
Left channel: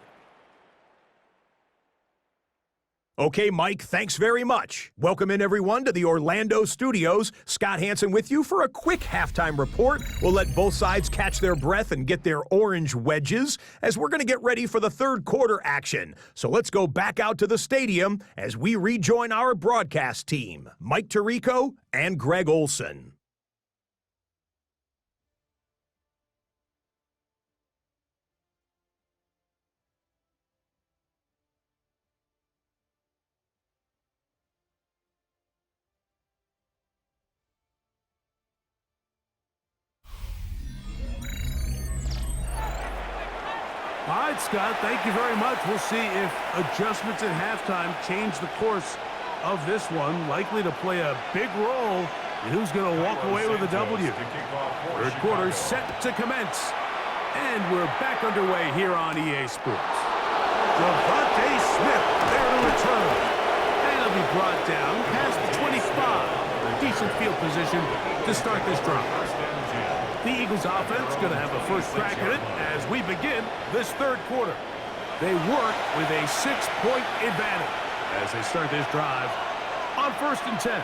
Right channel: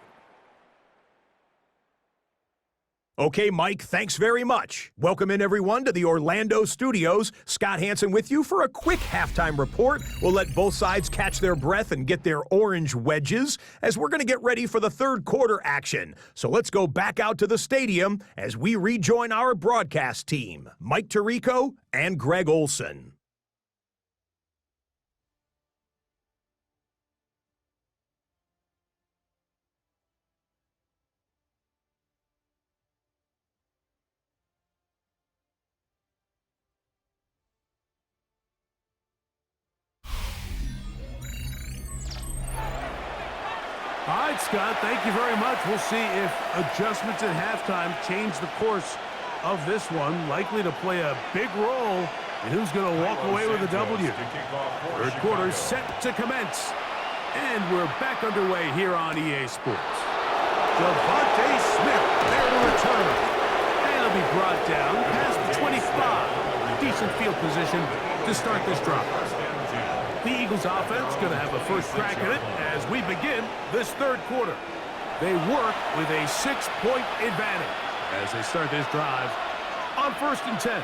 Okay, Mike, thanks very much. Welcome in, everyone, to the Orlando studios. Scott Hansen with you for a quick halftime report. We'll let both sides catch their breath and get their orange wedges as we're going to get ready for the 3rd quarter action. So let's go back out to the stadium as we rejoin our broadcast team, Mike Tirico and Greg Olson. All right, Scott, thank you very much. We'll see if adjustments at halftime change the course of this one. Likely to play a big role in who's going to walk away with a W. 3rd quarter set to commence. And we're back underway here on EA Sports. Devontae Smith there to return. And he'll be brought down past the 25. Decent field position to start this drive. The Eagles offense going to have a first crack at it as we begin this 3rd quarter. They work with a 6-point advantage as they start this drive on 1st and 10.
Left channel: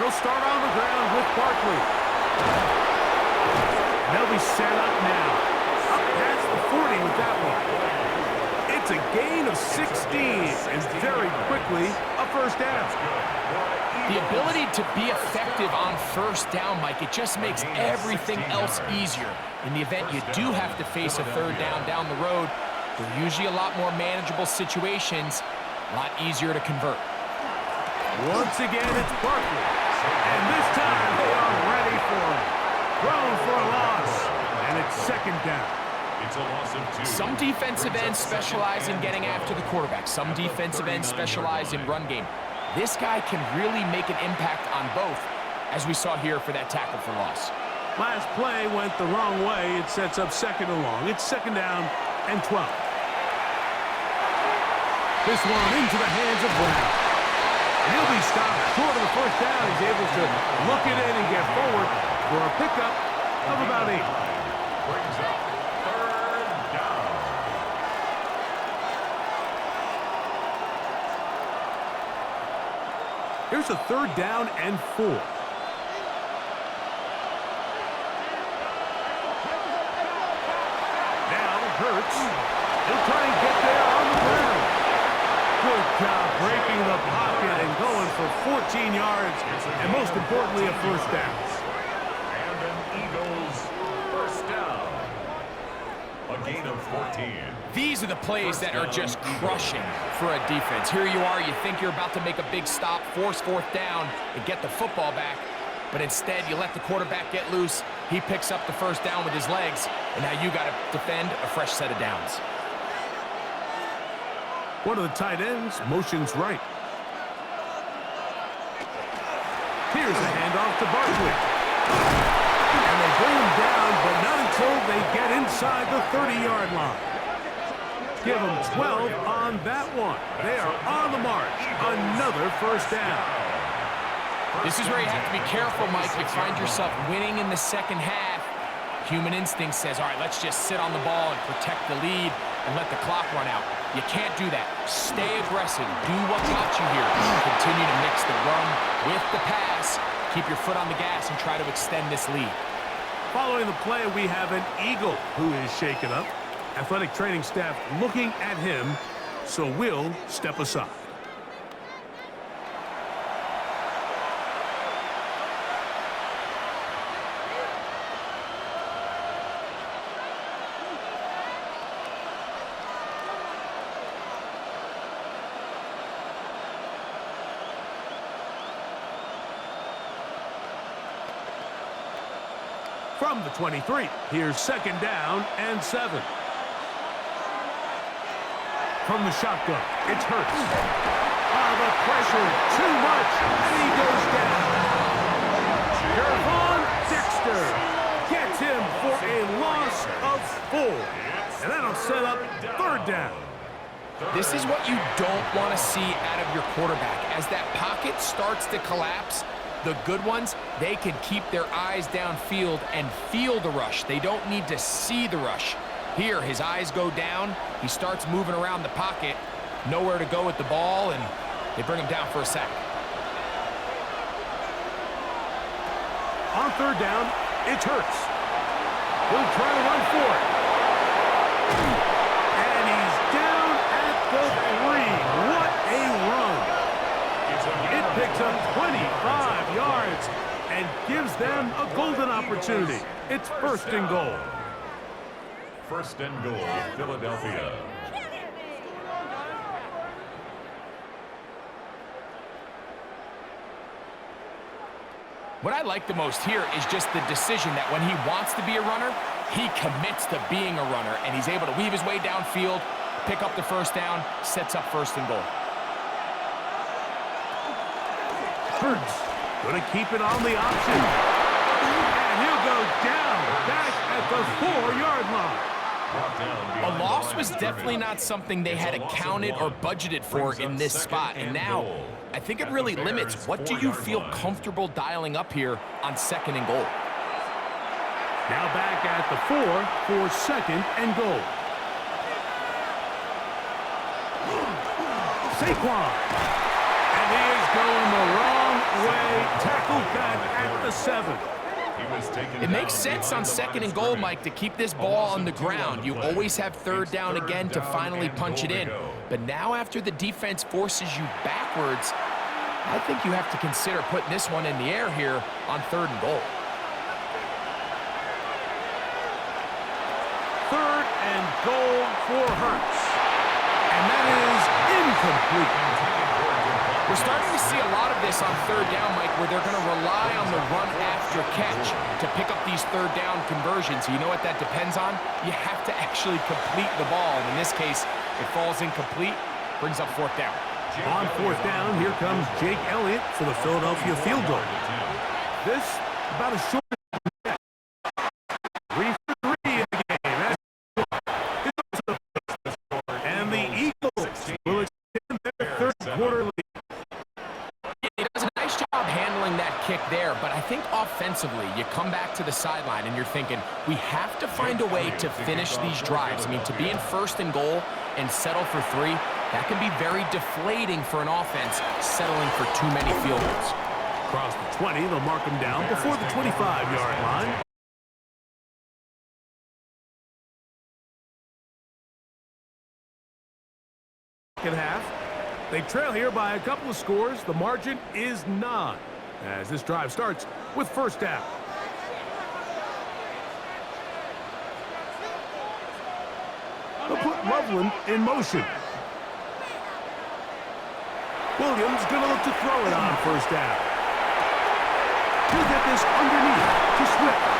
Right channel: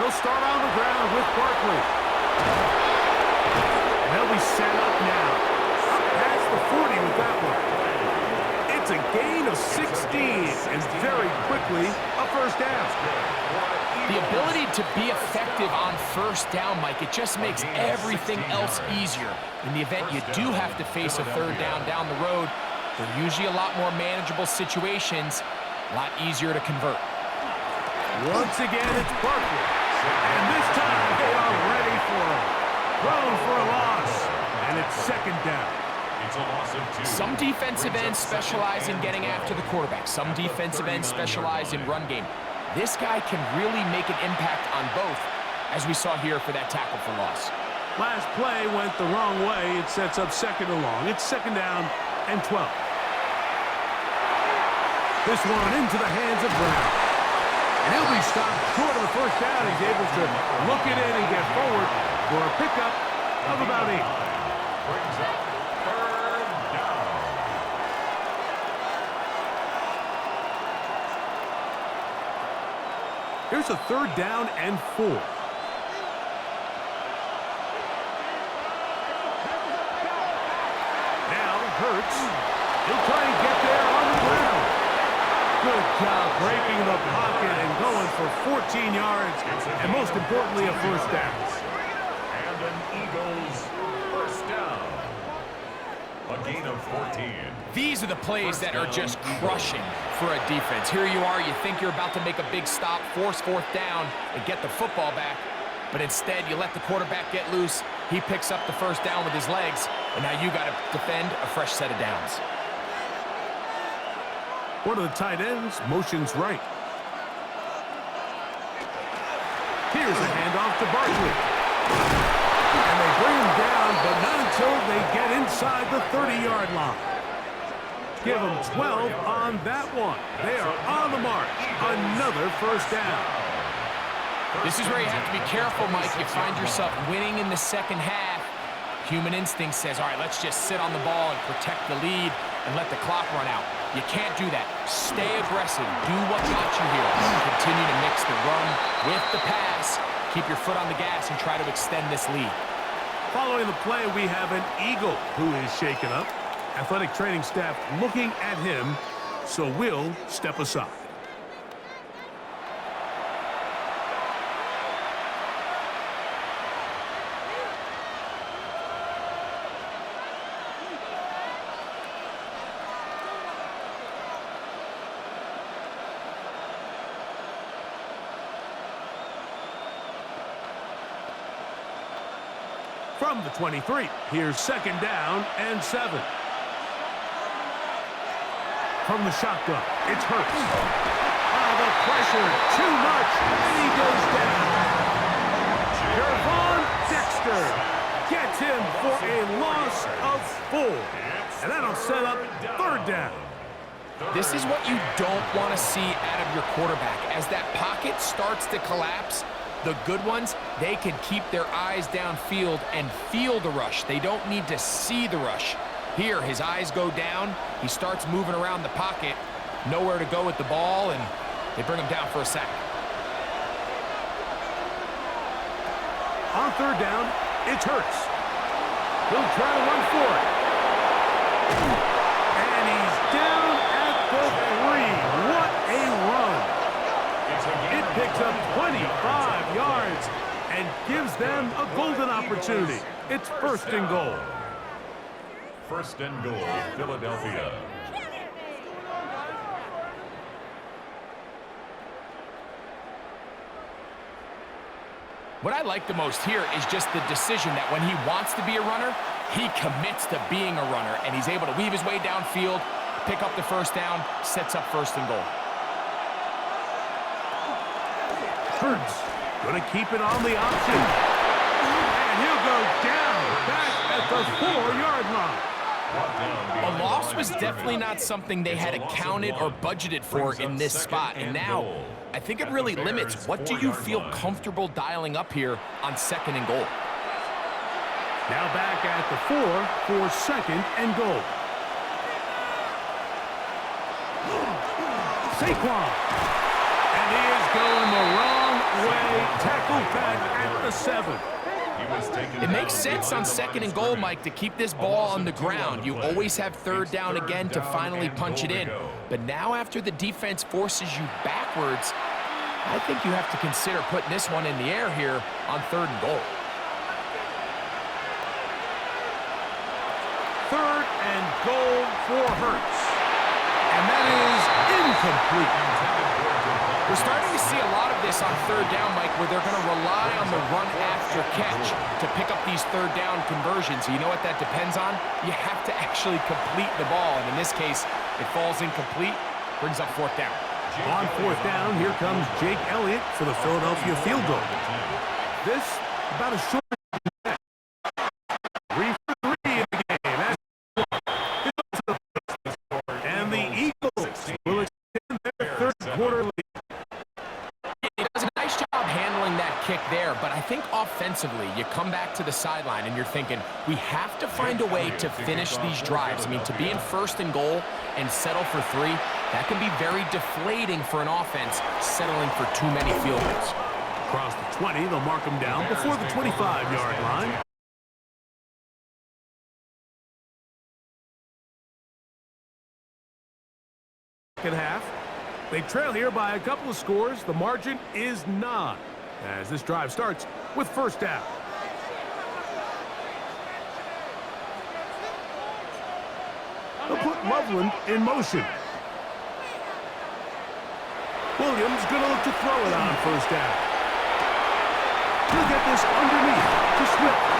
They'll start on the ground with Barkley. And they'll be set up now. Up past the 40 with that one. It's a gain of 16 and very quickly a 1st down. The ability to be effective on 1st down, Mike, it just makes everything else easier. In the event you do have to face a 3rd down the road, they're usually a lot more manageable situations, a lot easier to convert. Once again, it's Barkley. And this time they are ready for him. Thrown for a loss. And it's 2nd down. It's a loss of 2. Some defensive ends specialize in getting after the quarterback. Some defensive ends specialize in run game. This guy can really make an impact on both, as we saw here for that tackle for loss. Last play went the wrong way. It sets up 2nd and long. It's 2nd down and 12. This one into the hands of Brown. And he'll be stopped short of the 1st down. He's able to look it in and get forward for a pickup of about 8. Brings up 3rd down. Here's a 3rd down and 4. Now Hurts. He'll try and get there on the ground. Good job breaking the pocket and going for 14 yards, and most importantly, a 1st down. And an Eagles 1st down. A gain of 14. These are the plays that are just crushing for a defense. Here you are, you think you're about to make a big stop, force 4th down, and get the football back. But instead, you let the quarterback get loose. He picks up the 1st down with his legs, and now you got to defend a fresh set of downs. One of the tight ends motions right. Here's a handoff to Barkley. And they bring him down, but not until they get inside the 30-yard line. Give them 12 on that one. They are on the march. Another 1st down. This is where you have to be careful, Mike. You find yourself winning in the 2nd half. Human instinct says, all right, let's just sit on the ball and protect the lead and let the clock run out. You can't do that. Stay aggressive. Do what got you here. Continue to mix the run with the pass. Keep your foot on the gas and try to extend this lead. Following the play, we have an Eagle who is shaken up. Athletic training staff looking at him, so we'll step aside. From the 23, here's 2nd down and 7. From the shotgun, it's Hurts. The pressure, too much, and he goes down. Gervon Dexter gets him for a loss of 4. And that'll set up 3rd down. This is what you don't want to see out of your quarterback. As that pocket starts to collapse, the good ones, they can keep their eyes downfield and feel the rush. They don't need to see the rush. Here, his eyes go down. He starts moving around the pocket. Nowhere to go with the ball, and they bring him down for a sack. On 3rd down, it's Hurts. He'll try to run for it. And he's down at the 3. What a run. It picks up 25 yards and gives them a golden opportunity. It's 1st and goal. 1st and goal, Philadelphia. What I like the most here is just the decision that when he wants to be a runner, he commits to being a runner, and he's able to weave his way downfield, pick up the 1st down, sets up 1st and goal. Hurts going to keep it on the option. And he'll go down back at the 4-yard line. A loss was definitely not something they had accounted or budgeted for in this spot. And now, I think it really limits what do you feel comfortable dialing up here on 2nd and goal. Now back at the 4 for 2nd and goal. Saquon. And he is going the wrong way. Tackled back at the 7. It makes sense on 2nd and goal, Mike, to keep this ball on the ground. You always have 3rd down again to finally punch it in. But now after the defense forces you backwards, I think you have to consider putting this one in the air here on 3rd and goal. 3rd and goal for Hurts. And that is incomplete. We're starting to see a lot of this on 3rd down, Mike, where they're going to rely on the run after catch to pick up these 3rd down conversions. You know what that depends on? You have to actually complete the ball, and in this case, it falls incomplete, brings up 4th down. On 4th down, here comes Jake Elliott for the Philadelphia field goal. This, about a short 3 for 3 in the game. And the Eagles will extend their 3rd quarter lead. He does a nice job handling that kick there, but I think offensively, you come back to the sideline and you're thinking, we have to find a way to finish these drives. I mean, to be in 1st and goal and settle for 3, that can be very deflating for an offense settling for too many field goals. Across the 20, they'll mark them down before the 25-yard line. Second half. They trail here by a couple of scores. The margin is 9 as this drive starts with 1st down. They'll put Loveland in motion. Williams going to look to throw it on 1st down. He'll get this underneath to Swift.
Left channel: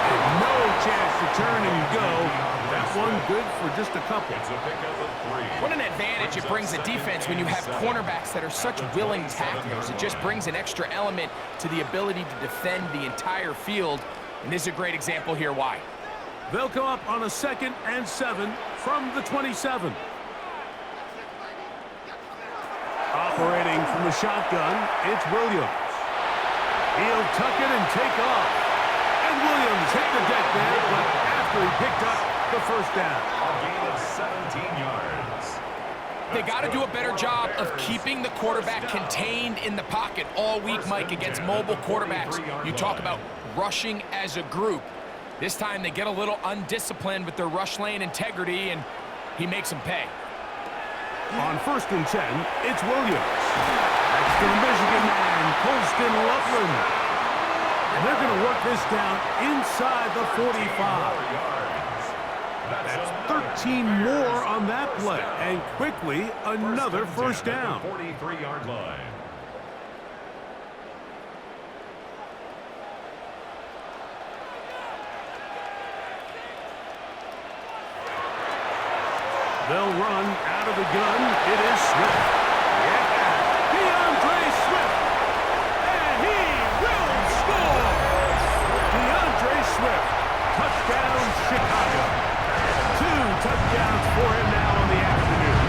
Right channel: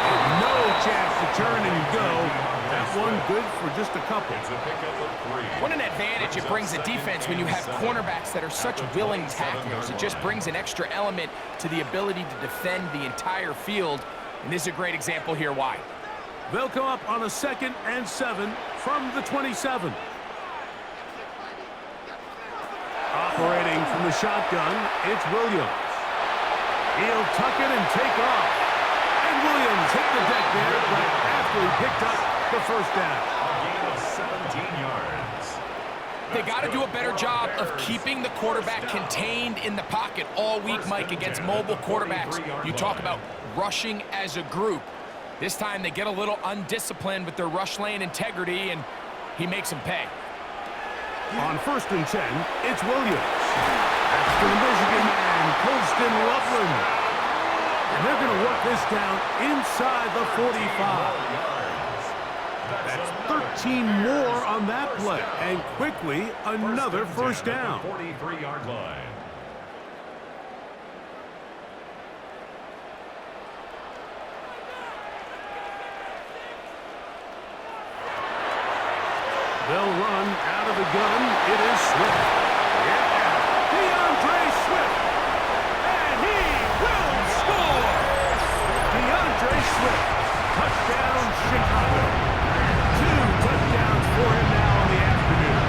And no chance to turn and go. That one good for just a couple. It's a pickup of 3. What an advantage it brings a defense when you have cornerbacks that are such willing tacklers. It just brings an extra element to the ability to defend the entire field. And this is a great example here why. They'll come up on a 2nd and 7 from the 27. Operating from the shotgun, it's Williams. He'll tuck it and take off. And Williams hit the deck there, but after he picked up the 1st down. A gain of 17 yards. They got to do a better job of keeping the quarterback contained in the pocket all week, Mike, against mobile quarterbacks. You talk about rushing as a group. This time they get a little undisciplined with their rush lane integrity, and he makes them pay. On 1st and 10, it's Williams. That's to the Michigan man, Colston Loveland. And they're going to work this down inside the 45. That's 13 more on that play. And quickly, another first down. 43-yard line. They'll run out of the gun. It is Swift. Yeah, DeAndre Swift. And he will score. DeAndre Swift. Touchdown, Chicago. 2 touchdowns for him now on the afternoon.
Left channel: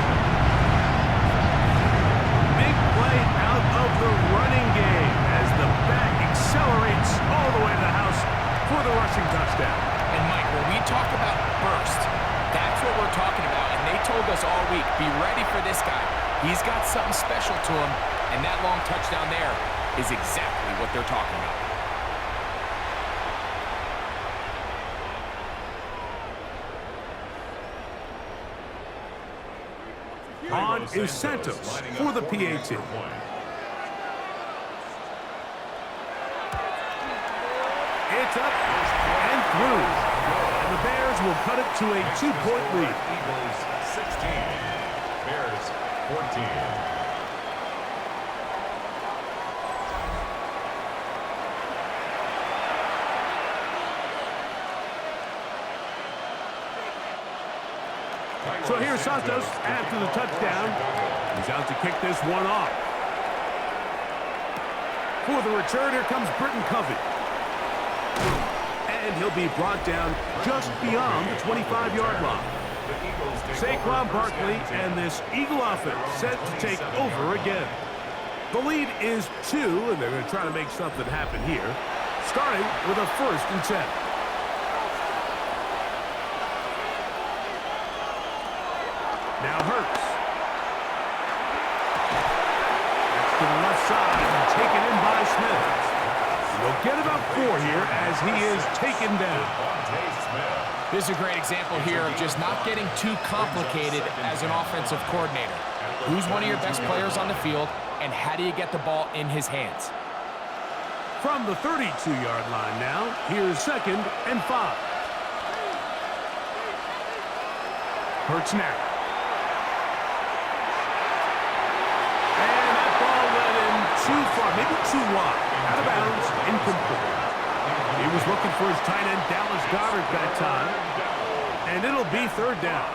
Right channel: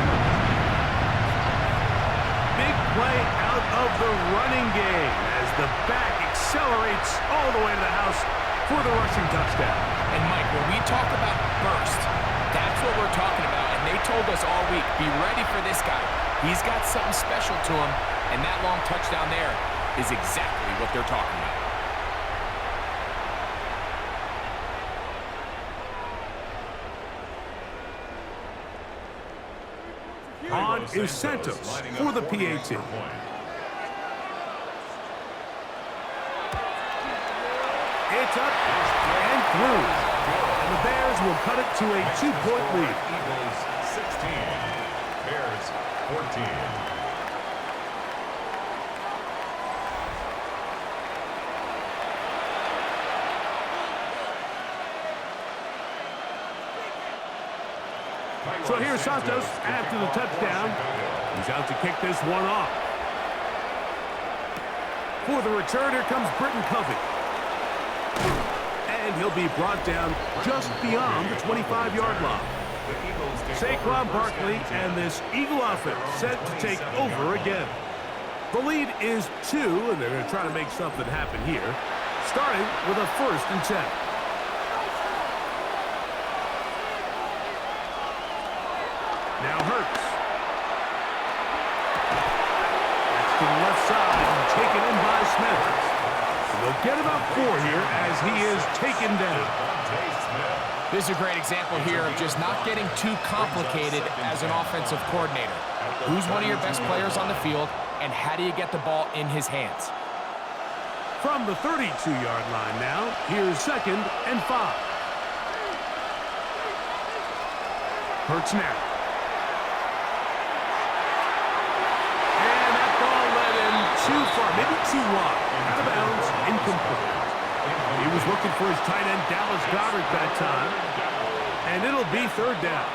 Big play out of the running game as the back accelerates all the way to the house for the rushing touchdown. And, Mike, when we talk about burst, that's what we're talking about, and they told us all week, be ready for this guy. He's got something special to him, and that long touchdown there is exactly what they're talking about. On is Santos for the PAT. It's up and through. And the Bears will cut it to a 2-point lead. Eagles 16, Bears 14. So here's Santos after the touchdown. He's out to kick this one off. For the return, here comes Britton Covey. And he'll be brought down just beyond the 25-yard line. Saquon Barkley and this Eagle offense set to take over again. The lead is 2, and they're going to try to make something happen here, starting with a 1st and 10. Now Hurts. That's to the left side and taken in by Smith. They'll get about 4 here as he is taken down. This is a great example here of just not getting too complicated as an offensive coordinator. Who's one of your best players on the field, and how do you get the ball in his hands? From the 32-yard line now, here's 2nd and 5. Hurts now. And that ball led him too far, maybe too wide. Out of bounds, incomplete. He was looking for his tight end, Dallas Goedert, that time. And it'll be 3rd down.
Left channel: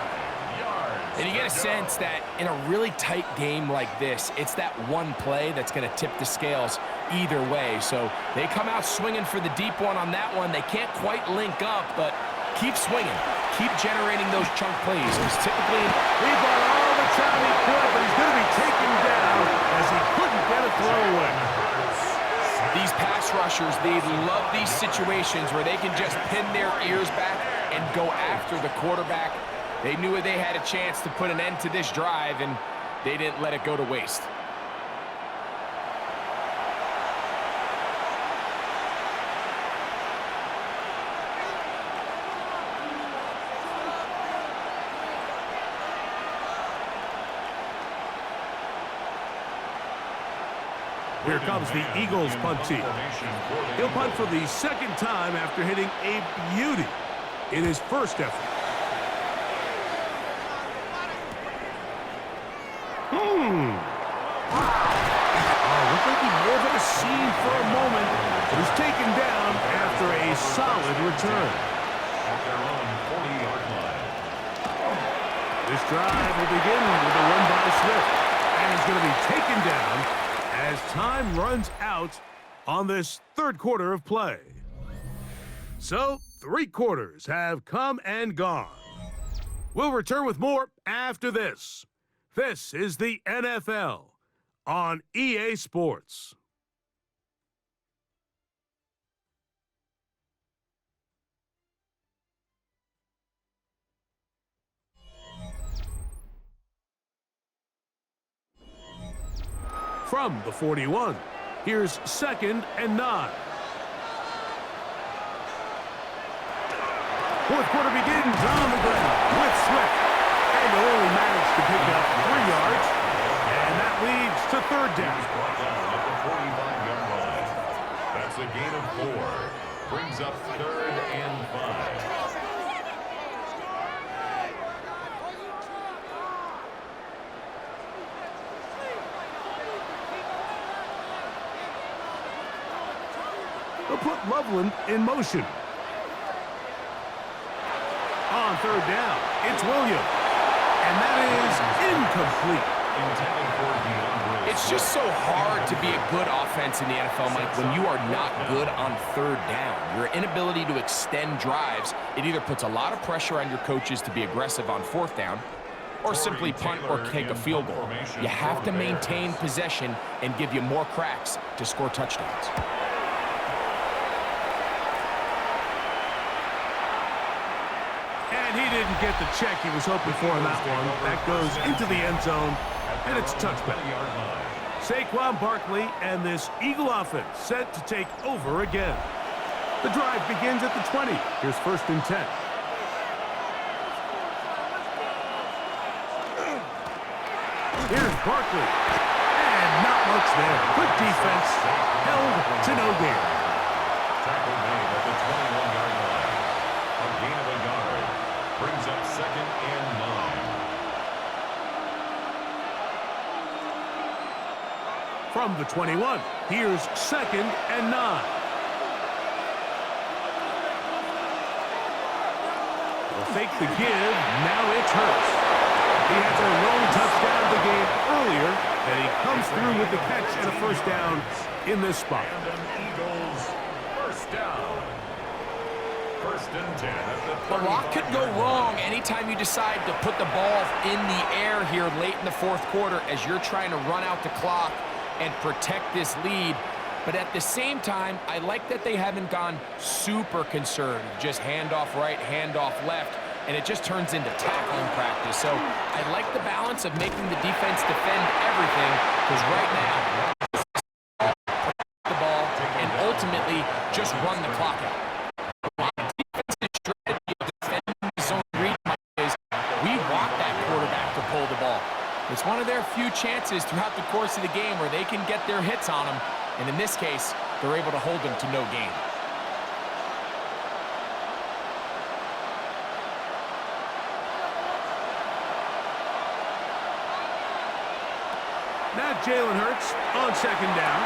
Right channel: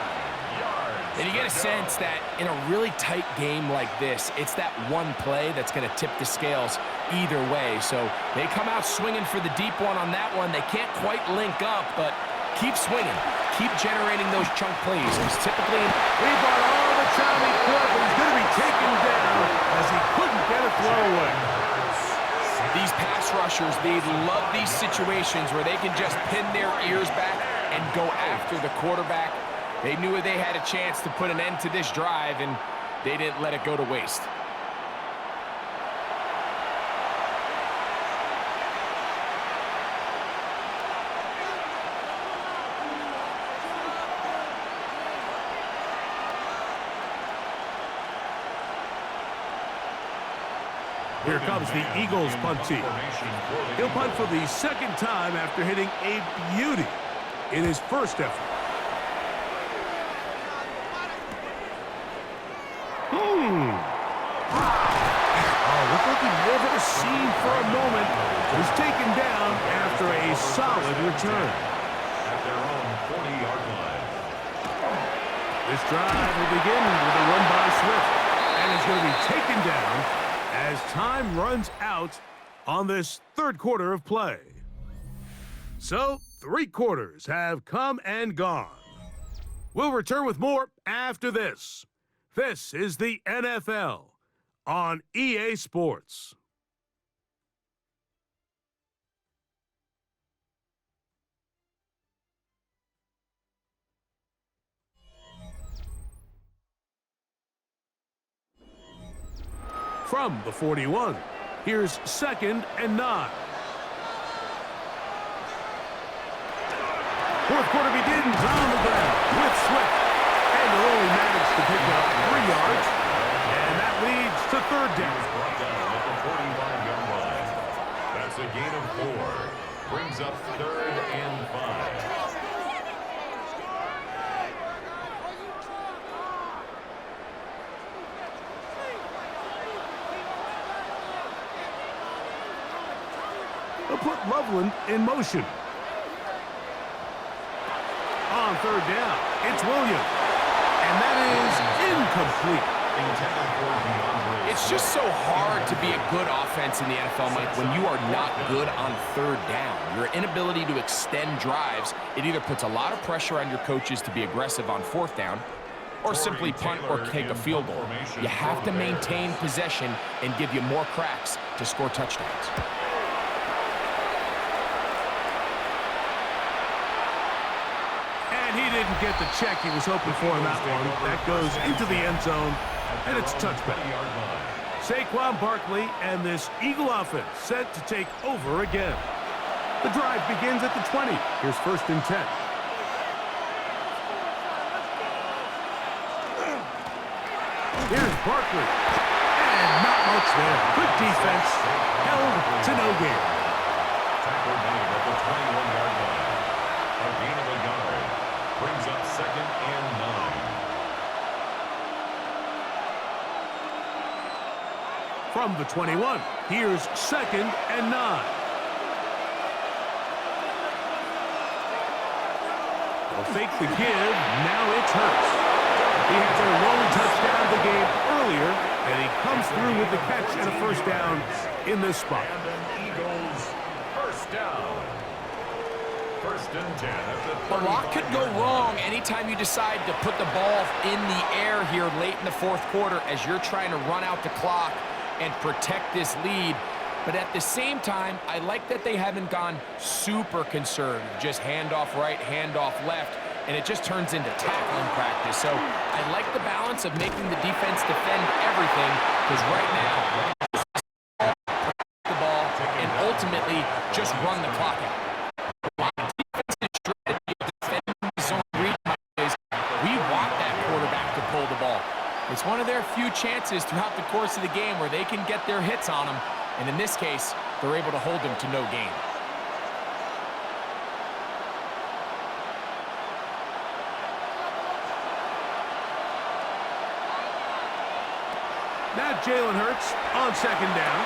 And you get a sense that in a really tight game like this, it's that one play that's going to tip the scales either way. So they come out swinging for the deep one on that one. They can't quite link up, but keep swinging. Keep generating those chunk plays, because typically he bought all the time he could, but he's going to be taken down as he couldn't get a throw away. These pass rushers, they love these situations where they can just pin their ears back and go after the quarterback. They knew they had a chance to put an end to this drive, and they didn't let it go to waste. Here comes the Eagles punt team. He'll punt for the 2nd time after hitting a beauty in his first effort. Oh, looked like he may have hit a seam for a moment. He was taken down after a solid return. At their own 40-yard line. This drive will begin with a run by Swift. And he's going to be taken down as time runs out on this 3rd quarter of play. So, 3 quarters have come and gone. We'll return with more after this. This is the NFL on EA Sports. from the 41. Here's 2nd and 9. Fourth quarter begins on the ground with Swift. And he'll only manage to pick up 3 yards. And that leads to 3rd down. Brought down at the 45-yard line. That's a gain of 4. Brings up 3rd and 5. They'll put Loveland in motion. On 3rd down, it's Williams. And that is incomplete. Intended for DeAndre. It's just so hard to be a good offense in the NFL, Mike, when you are not good on 3rd down. Your inability to extend drives, it either puts a lot of pressure on your coaches to be aggressive on 4th down or simply punt or kick a field goal. You have to maintain possession and give you more cracks to score touchdowns. And he didn't get the check he was hoping for on that one. That goes into the end zone, and it's touchback. Saquon Barkley and this Eagle offense set to take over again. The drive begins at the 20. Here's 1st and 10. Here's Barkley. And not much there. Good defense. Held to no gain. Tackle made at the 21-yard line. A gain of a yard. Brings up 2nd and 9. From the 21, here's 2nd and 9. They'll fake the give. Now it's Hurts. He had their lone touchdown of the game earlier, and he comes through with the catch and a 1st down in this spot. And an Eagles 1st down. 1st and 10 at the A lot could go wrong anytime you decide to put the ball in the air here late in the 4th quarter as you're trying to run out the clock and protect this lead. But at the same time, I like that they haven't gone super conservative, just handoff right, handoff left, and it just turns into tackling practice. So I like the balance of making the defense defend everything, because right now, the ball and ultimately just run the clock out. It's one of their few chances throughout the course of the game where they can get their hits on them, and in this case, they're able to hold them to no gain. Now Jalen Hurts on 2nd down.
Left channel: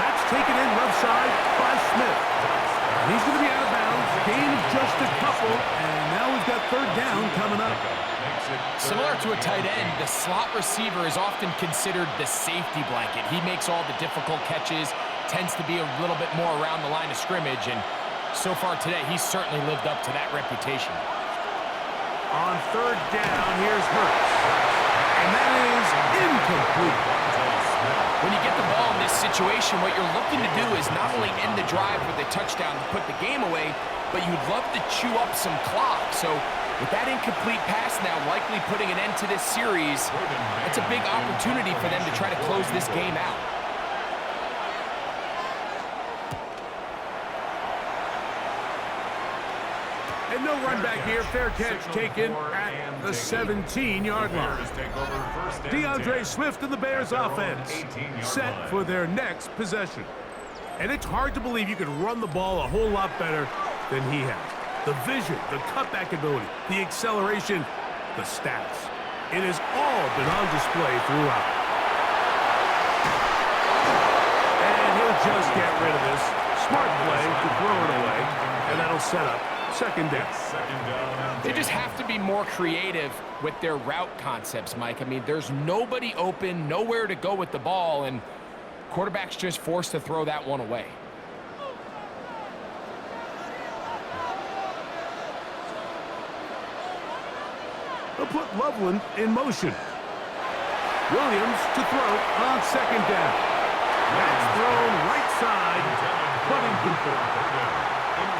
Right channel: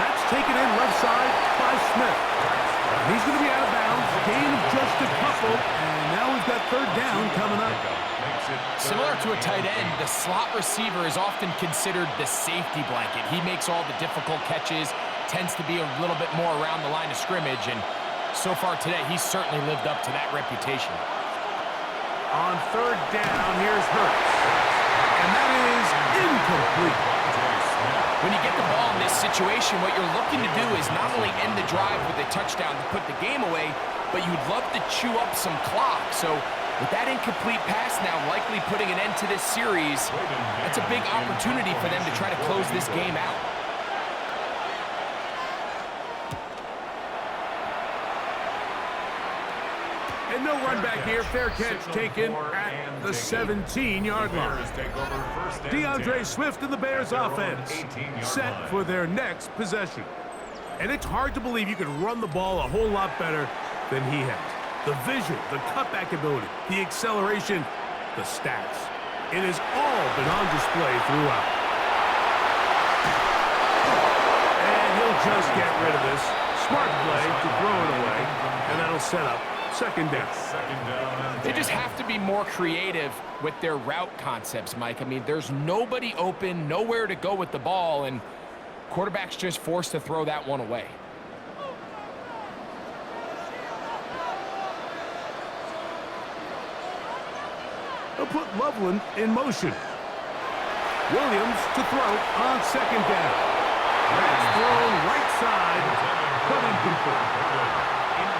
That's taken in left side by Smith. And he's going to be out of bounds. Gain of just a couple, and now we've got 3rd down coming up. Similar to a tight end, the slot receiver is often considered the safety blanket. He makes all the difficult catches, tends to be a little bit more around the line of scrimmage, and so far today, he's certainly lived up to that reputation. On 3rd down, here's Hurts. And that is incomplete. When you get the ball in this situation, what you're looking to do is not only end the drive with a touchdown to put the game away, but you'd love to chew up some clock. So with that incomplete pass now likely putting an end to this series, that's a big opportunity for them to try to close this game out. And no run back here. Fair catch taken at the 17-yard line. DeAndre Swift and the Bears offense set for their next possession. And it's hard to believe you can run the ball a whole lot better than he has. The vision, the cutback ability, the acceleration, the stats. It has all been on display throughout. And he'll just get rid of this. Smart play to throw it away, and that'll set up 2nd down. They just have to be more creative with their route concepts, Mike. I mean, there's nobody open, nowhere to go with the ball, and quarterback's just forced to throw that one away. They'll put Loveland in motion. Williams to throw on 2nd down. That's thrown right side, but incomplete.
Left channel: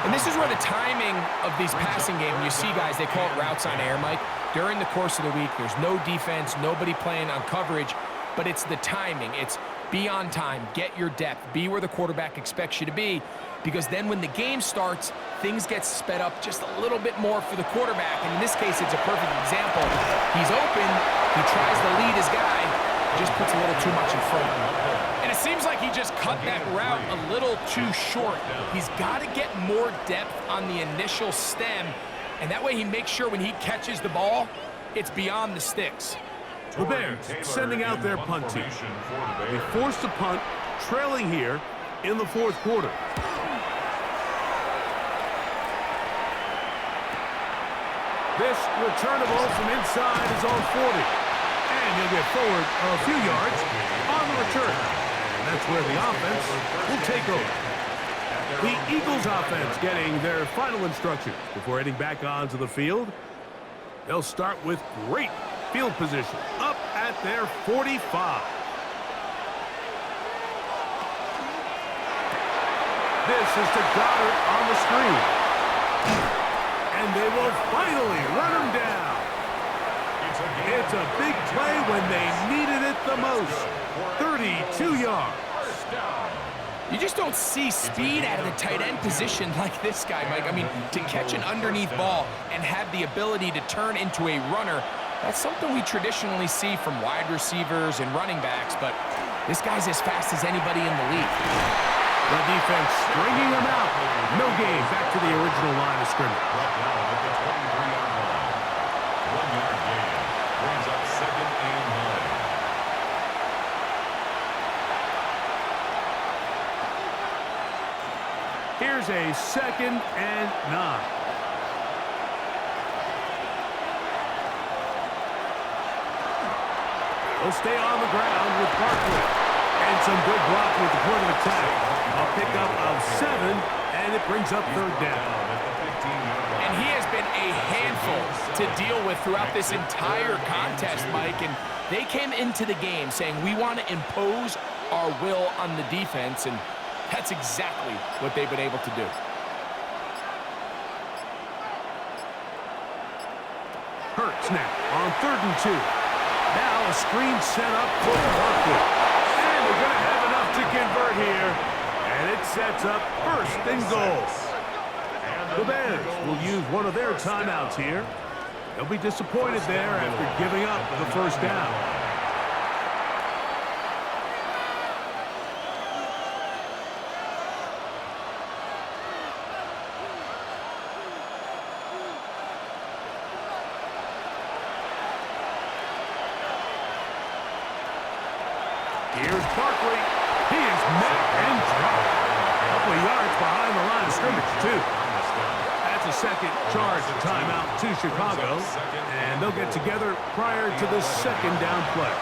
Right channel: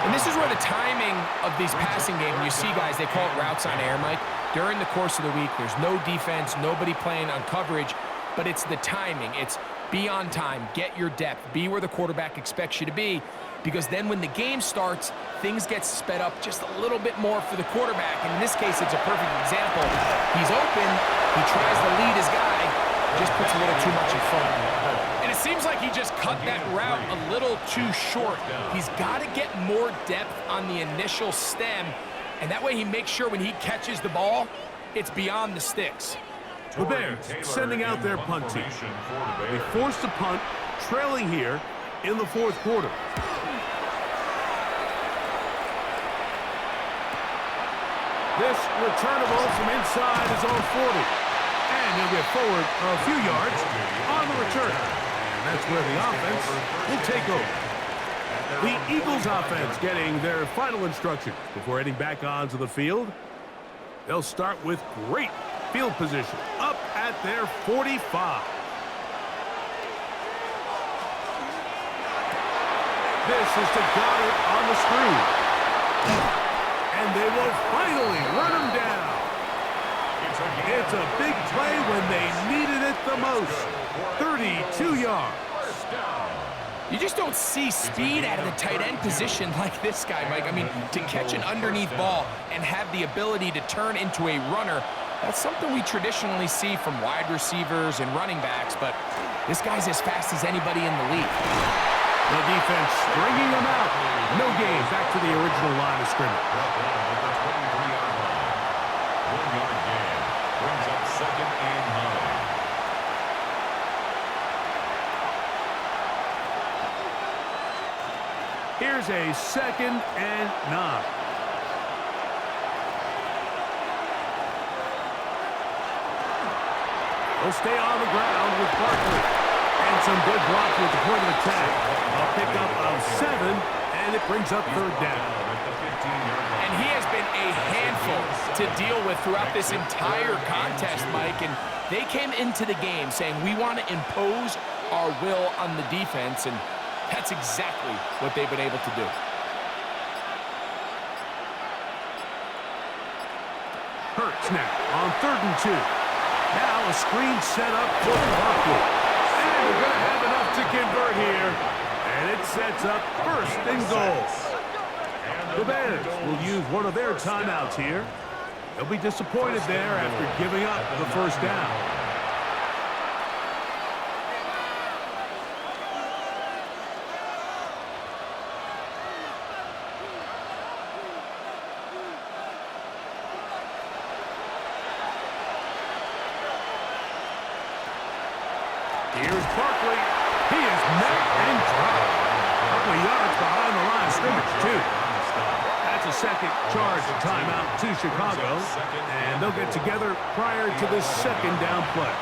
And this is where the timing of these passing games, you see guys, they call it routes on air, Mike. During the course of the week, there's no defense, nobody playing on coverage, but it's the timing. It's Be on time, get your depth, be where the quarterback expects you to be, because then when the game starts, things get sped up just a little bit more for the quarterback. And in this case, it's a perfect example. He's open, he tries to lead his guy, just puts a little too much in front. And it seems like he just cut that route a little too short. He's got to get more depth on the initial stem, and that way he makes sure when he catches the ball, it's beyond the sticks. The Bears sending out their punt team. They forced a punt, trailing here in the fourth quarter. This returnable from inside is on 40. And he'll get forward a few yards on the return. And that's where the offense will take over. The Eagles offense getting their final instructions before heading back onto the field. They'll start with great field position up at their 45. This is to Goddard on the screen. And they will finally run him down. It's a big play when they needed it the most. 32 yards. You just don't see speed out of the tight end position like this guy, Mike. I mean, to catch an underneath ball and have the ability to turn into a runner, that's something we traditionally see from wide receivers and running backs, but this guy's as fast as anybody in the league. The defense stringing him out. No gain back to the original line of scrimmage. Brought down at the 23-yard line. 1-yard gain brings up 2nd and 9. Here's a 2nd and 9. They'll stay on the ground with Barkley. And some good blocking at the point of attack. A pickup of 7, and it brings up 3rd down. And he has been a handful to deal with throughout this entire contest, Mike. And they came into the game saying, we want to impose our will on the defense, and that's exactly what they've been able to do. Hurts now on 3rd and 2. Now a screen set up for Barkley. And they're going to have enough to convert here. And it sets up 1st and goal. The Bears will use one of their timeouts here. They'll be disappointed there after giving up the 1st down. Here's Barkley. He is met and dropped. A couple of yards behind the line of scrimmage, too. That's a 2nd charge timeout to Chicago. And they'll get together prior to the 2nd down play.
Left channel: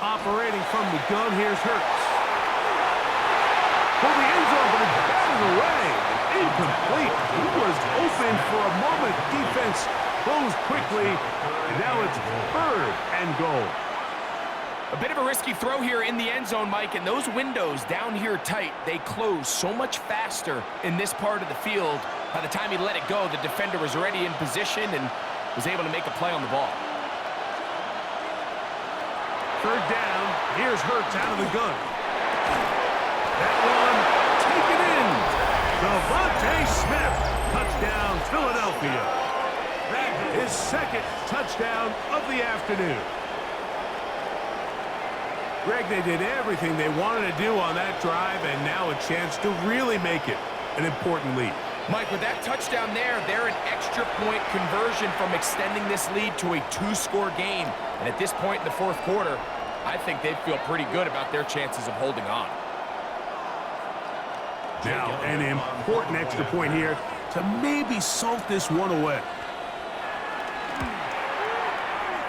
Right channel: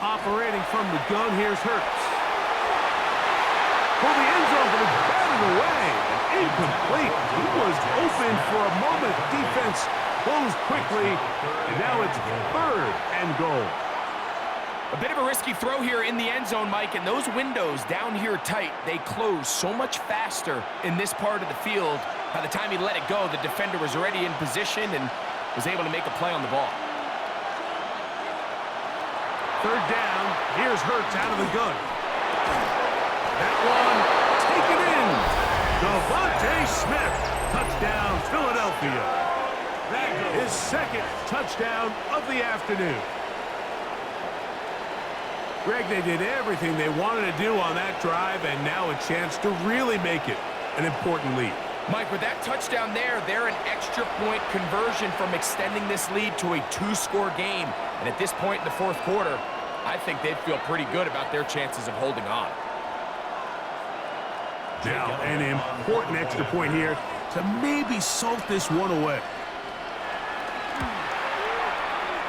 Operating from the gun, here's Hurts. For the end zone, but it's batted away and incomplete. He was open for a moment. Defense closed quickly, and now it's 3rd and goal. A bit of a risky throw here in the end zone, Mike, and those windows down here tight, they close so much faster in this part of the field. By the time he let it go, the defender was already in position and was able to make a play on the ball. 3rd down. Here's Hurts out of the gun. That one taken in. Devontae Smith. Touchdown, Philadelphia. That is 2nd touchdown of the afternoon. Greg, they did everything they wanted to do on that drive, and now a chance to really make it an important lead. Mike, with that touchdown there, they're an extra point conversion from extending this lead to a 2-score game. And at this point in the 4th quarter, I think they'd feel pretty good about their chances of holding on. Now, an important extra point here to maybe salt this one away.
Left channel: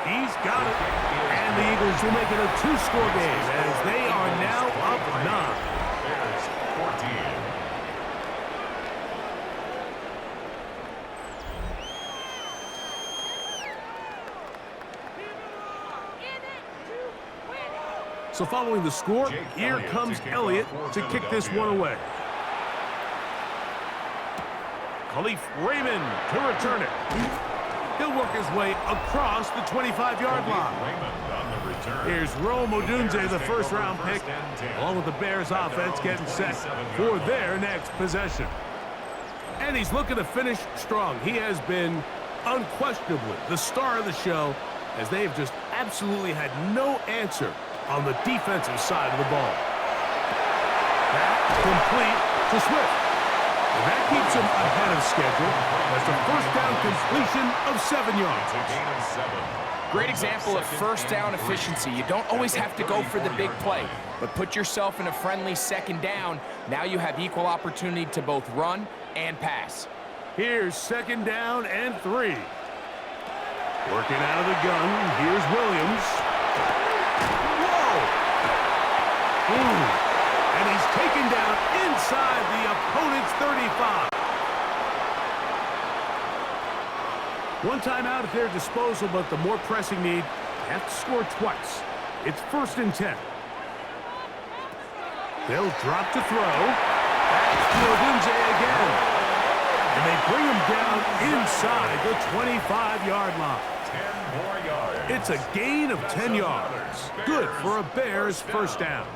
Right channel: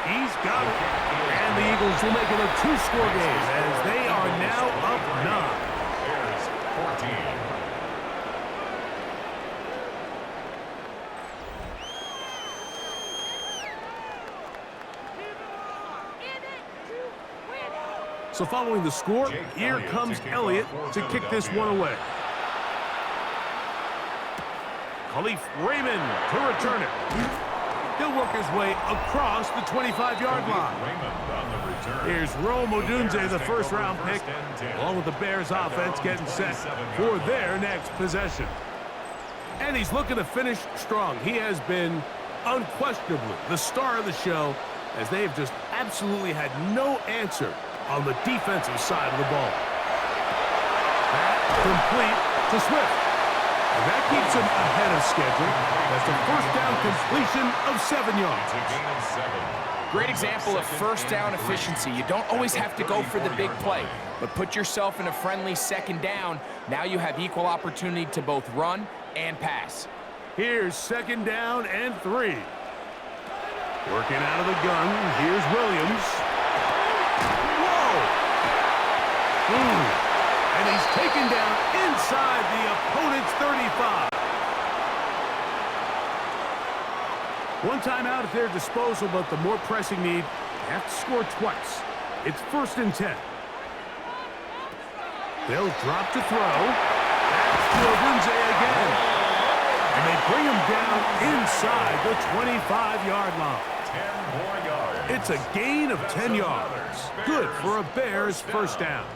He's got it. And the Eagles will make it a 2-score game as they are now up 9. Bears 14. So following the score, here comes Elliott to kick this one away. Khalif Raymond to return it. He'll work his way across the 25-yard line. Here's Rome Odunze, the first-round pick, along with the Bears offense getting set for their next possession. And he's looking to finish strong. He has been unquestionably the star of the show, as they have just absolutely had no answer on the defensive side of the ball. That complete to Swift. And that keeps him ahead of schedule. That's a first down completion of 7 yards. It's a gain of 7. Great example of first down efficiency. You don't always have to go for the big play, but put yourself in a friendly second down. Now you have equal opportunity to both run and pass. Here's second down and 3. Working out of the gun, here's Williams. Whoa! And he's taken down inside the opponent's 35. One timeout at their disposal, but the more pressing need, they have to score twice. It's 1st and 10. They'll drop to throw. That's to Odunze again. And they bring him down inside the 25-yard line. 10 more yards. It's a gain of 10 yards. Good for a Bears first down.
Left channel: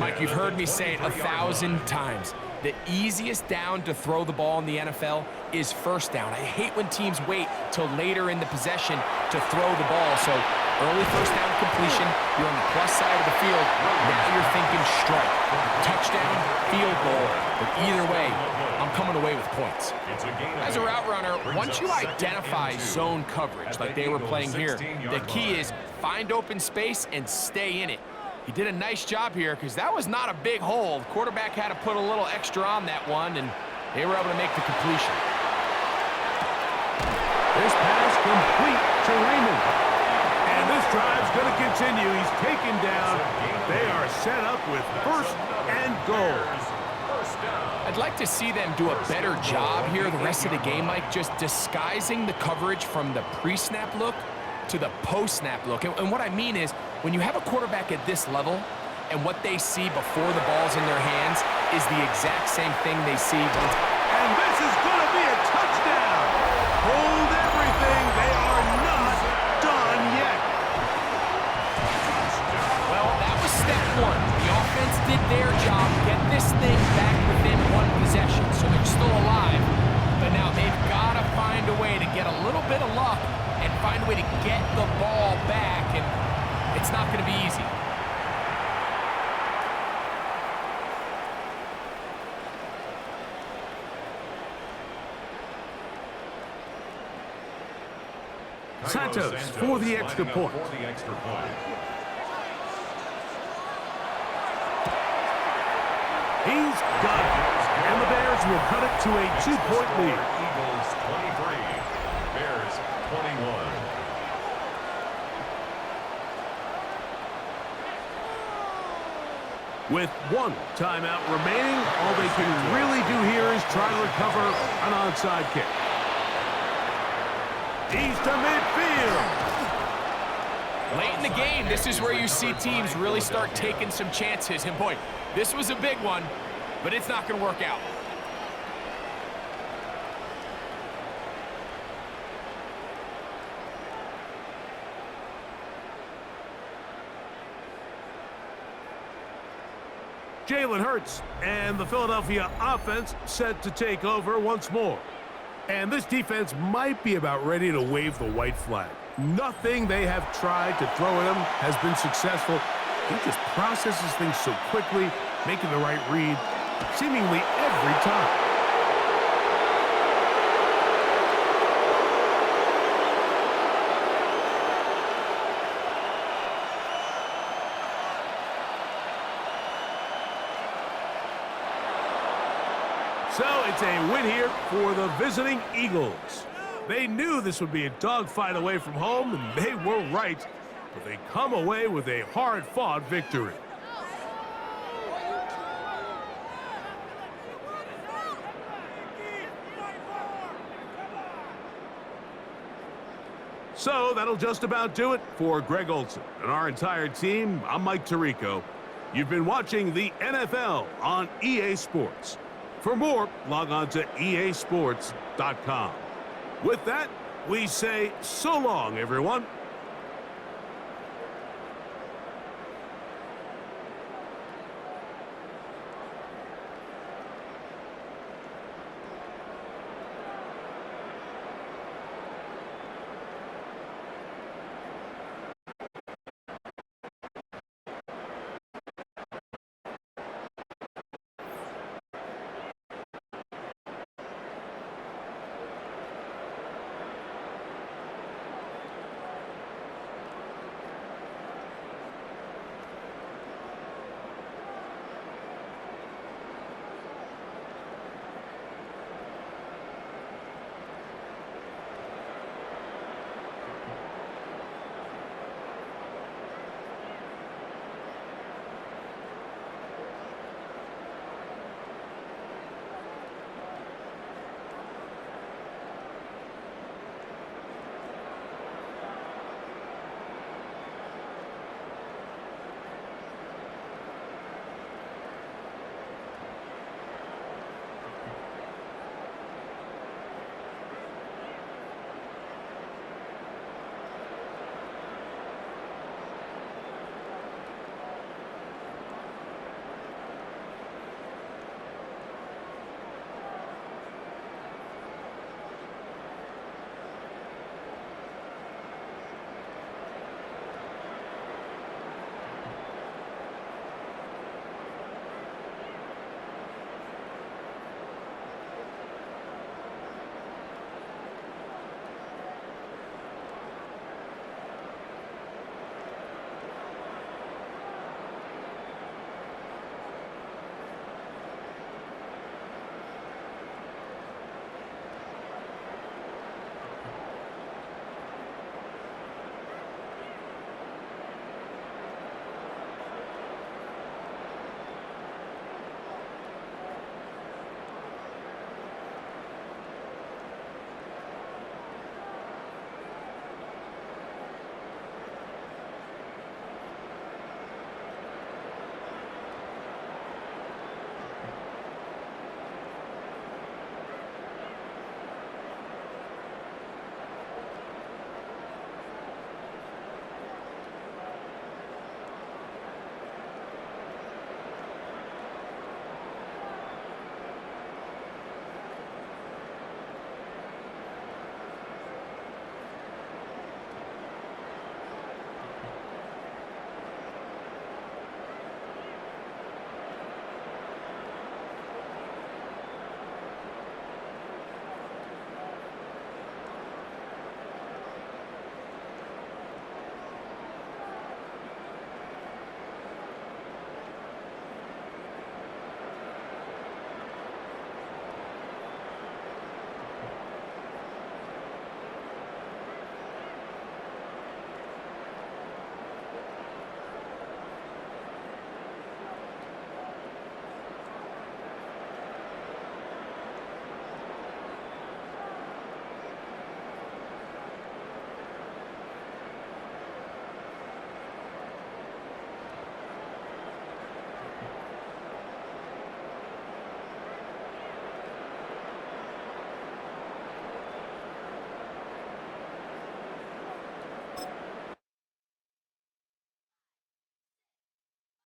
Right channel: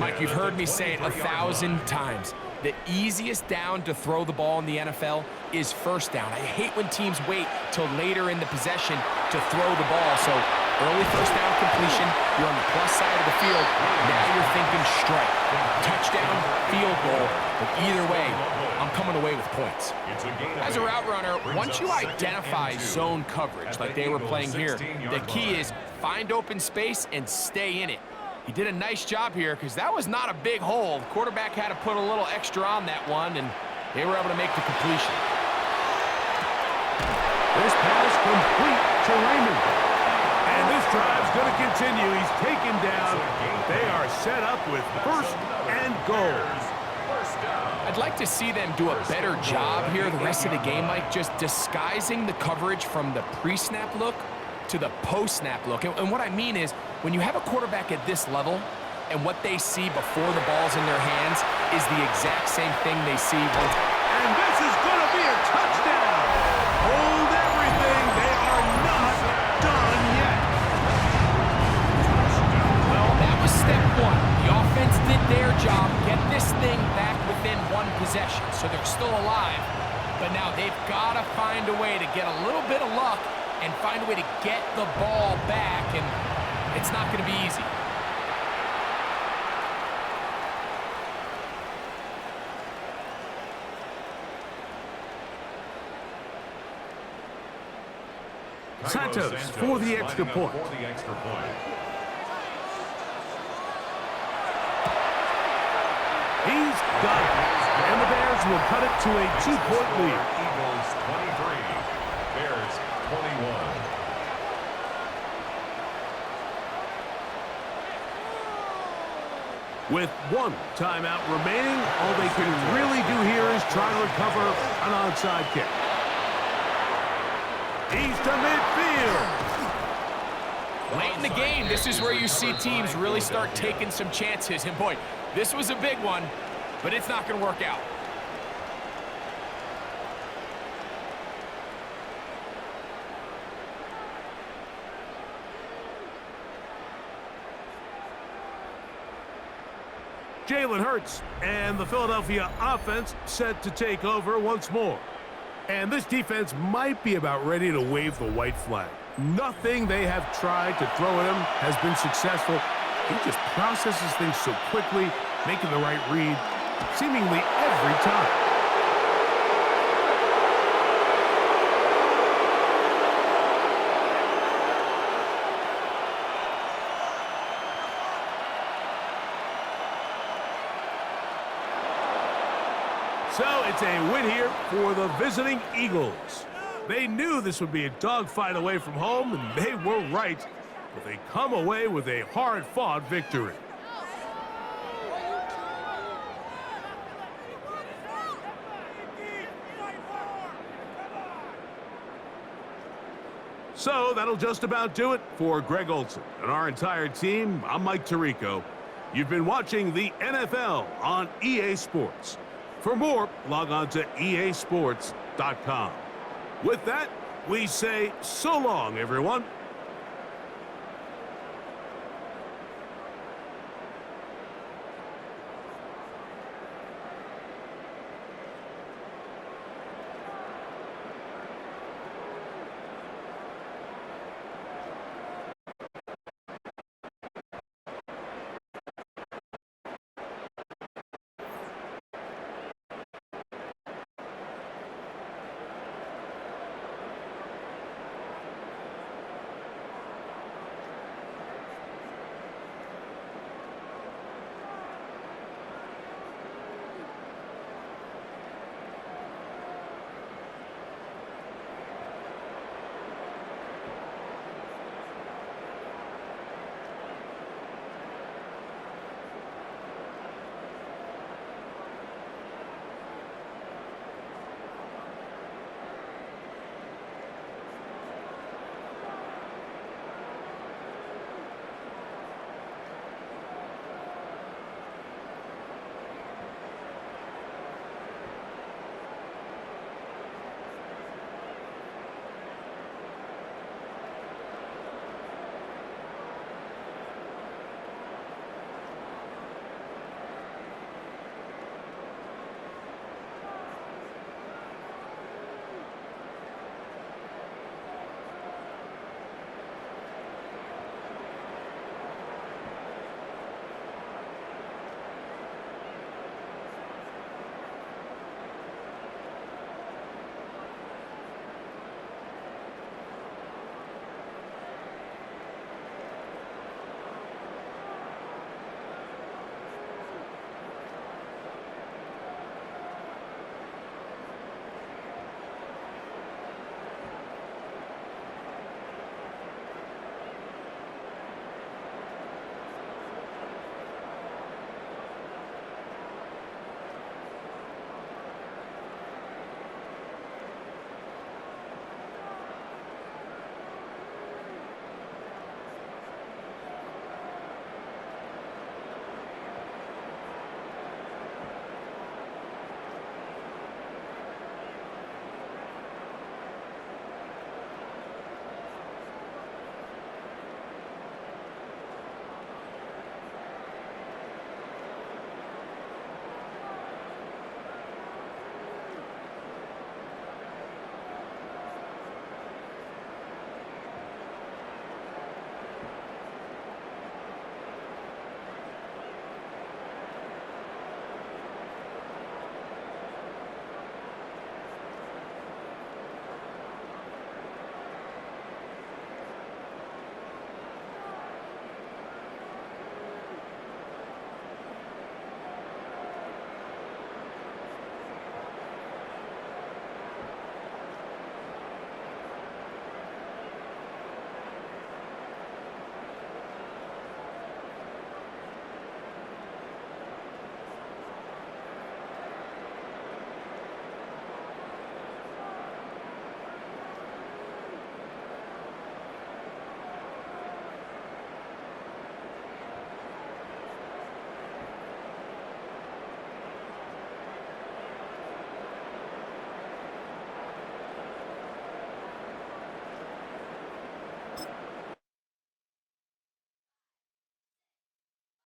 Mike, you've heard me say it 1,000 times. The easiest down to throw the ball in the NFL is first down. I hate when teams wait till later in the possession to throw the ball. So early first down completion, you're on the plus side of the field. Now you're thinking strike, touchdown, field goal. But either way, I'm coming away with points. As a route runner, once you identify zone coverage like they were playing here, the key is find open space and stay in it. He did a nice job here because that was not a big hole. The quarterback had to put a little extra on that one, and they were able to make the completion. This pass complete to Raymond. And this drive's going to continue. He's taken down. They are set up with 1st and goal. I'd like to see them do a better job here the rest of the game, Mike, just disguising the coverage from the pre-snap look to the post-snap look. And what I mean is, when you have a quarterback at this level and what they see before the ball's in their hands is the exact same thing they see once. And this is going to be a touchdown. Hold everything. They are not done yet. Well, that was step 1. The offense did their job, get this thing back within 1 possession, so they're still alive. But now they've got to find a way to get a little bit of luck and find a way to get the ball back, and it's not going to be easy. Santos for the extra point. He's got it. And the Bears will cut it to a 2-point lead. Eagles 23, Bears 21. With 1 timeout remaining, all they can really do here is try to recover an onside kick. He's to midfield. Late in the game, this is where you see teams really start taking some chances. And boy, this was a big one, but it's not going to work out. Jalen Hurts and the Philadelphia offense set to take over once more. And this defense might be about ready to wave the white flag. Nothing they have tried to throw at him has been successful. He just processes things so quickly, making the right read, seemingly every time. So it's a win here for the visiting Eagles. They knew this would be a dogfight away from home, and they were right. But they come away with a hard-fought victory. So that'll just about do it for Greg Olson and our entire team. I'm Mike Tirico. You've been watching the NFL on EA Sports. For more, log on to easports.com. With that, we say so long, everyone.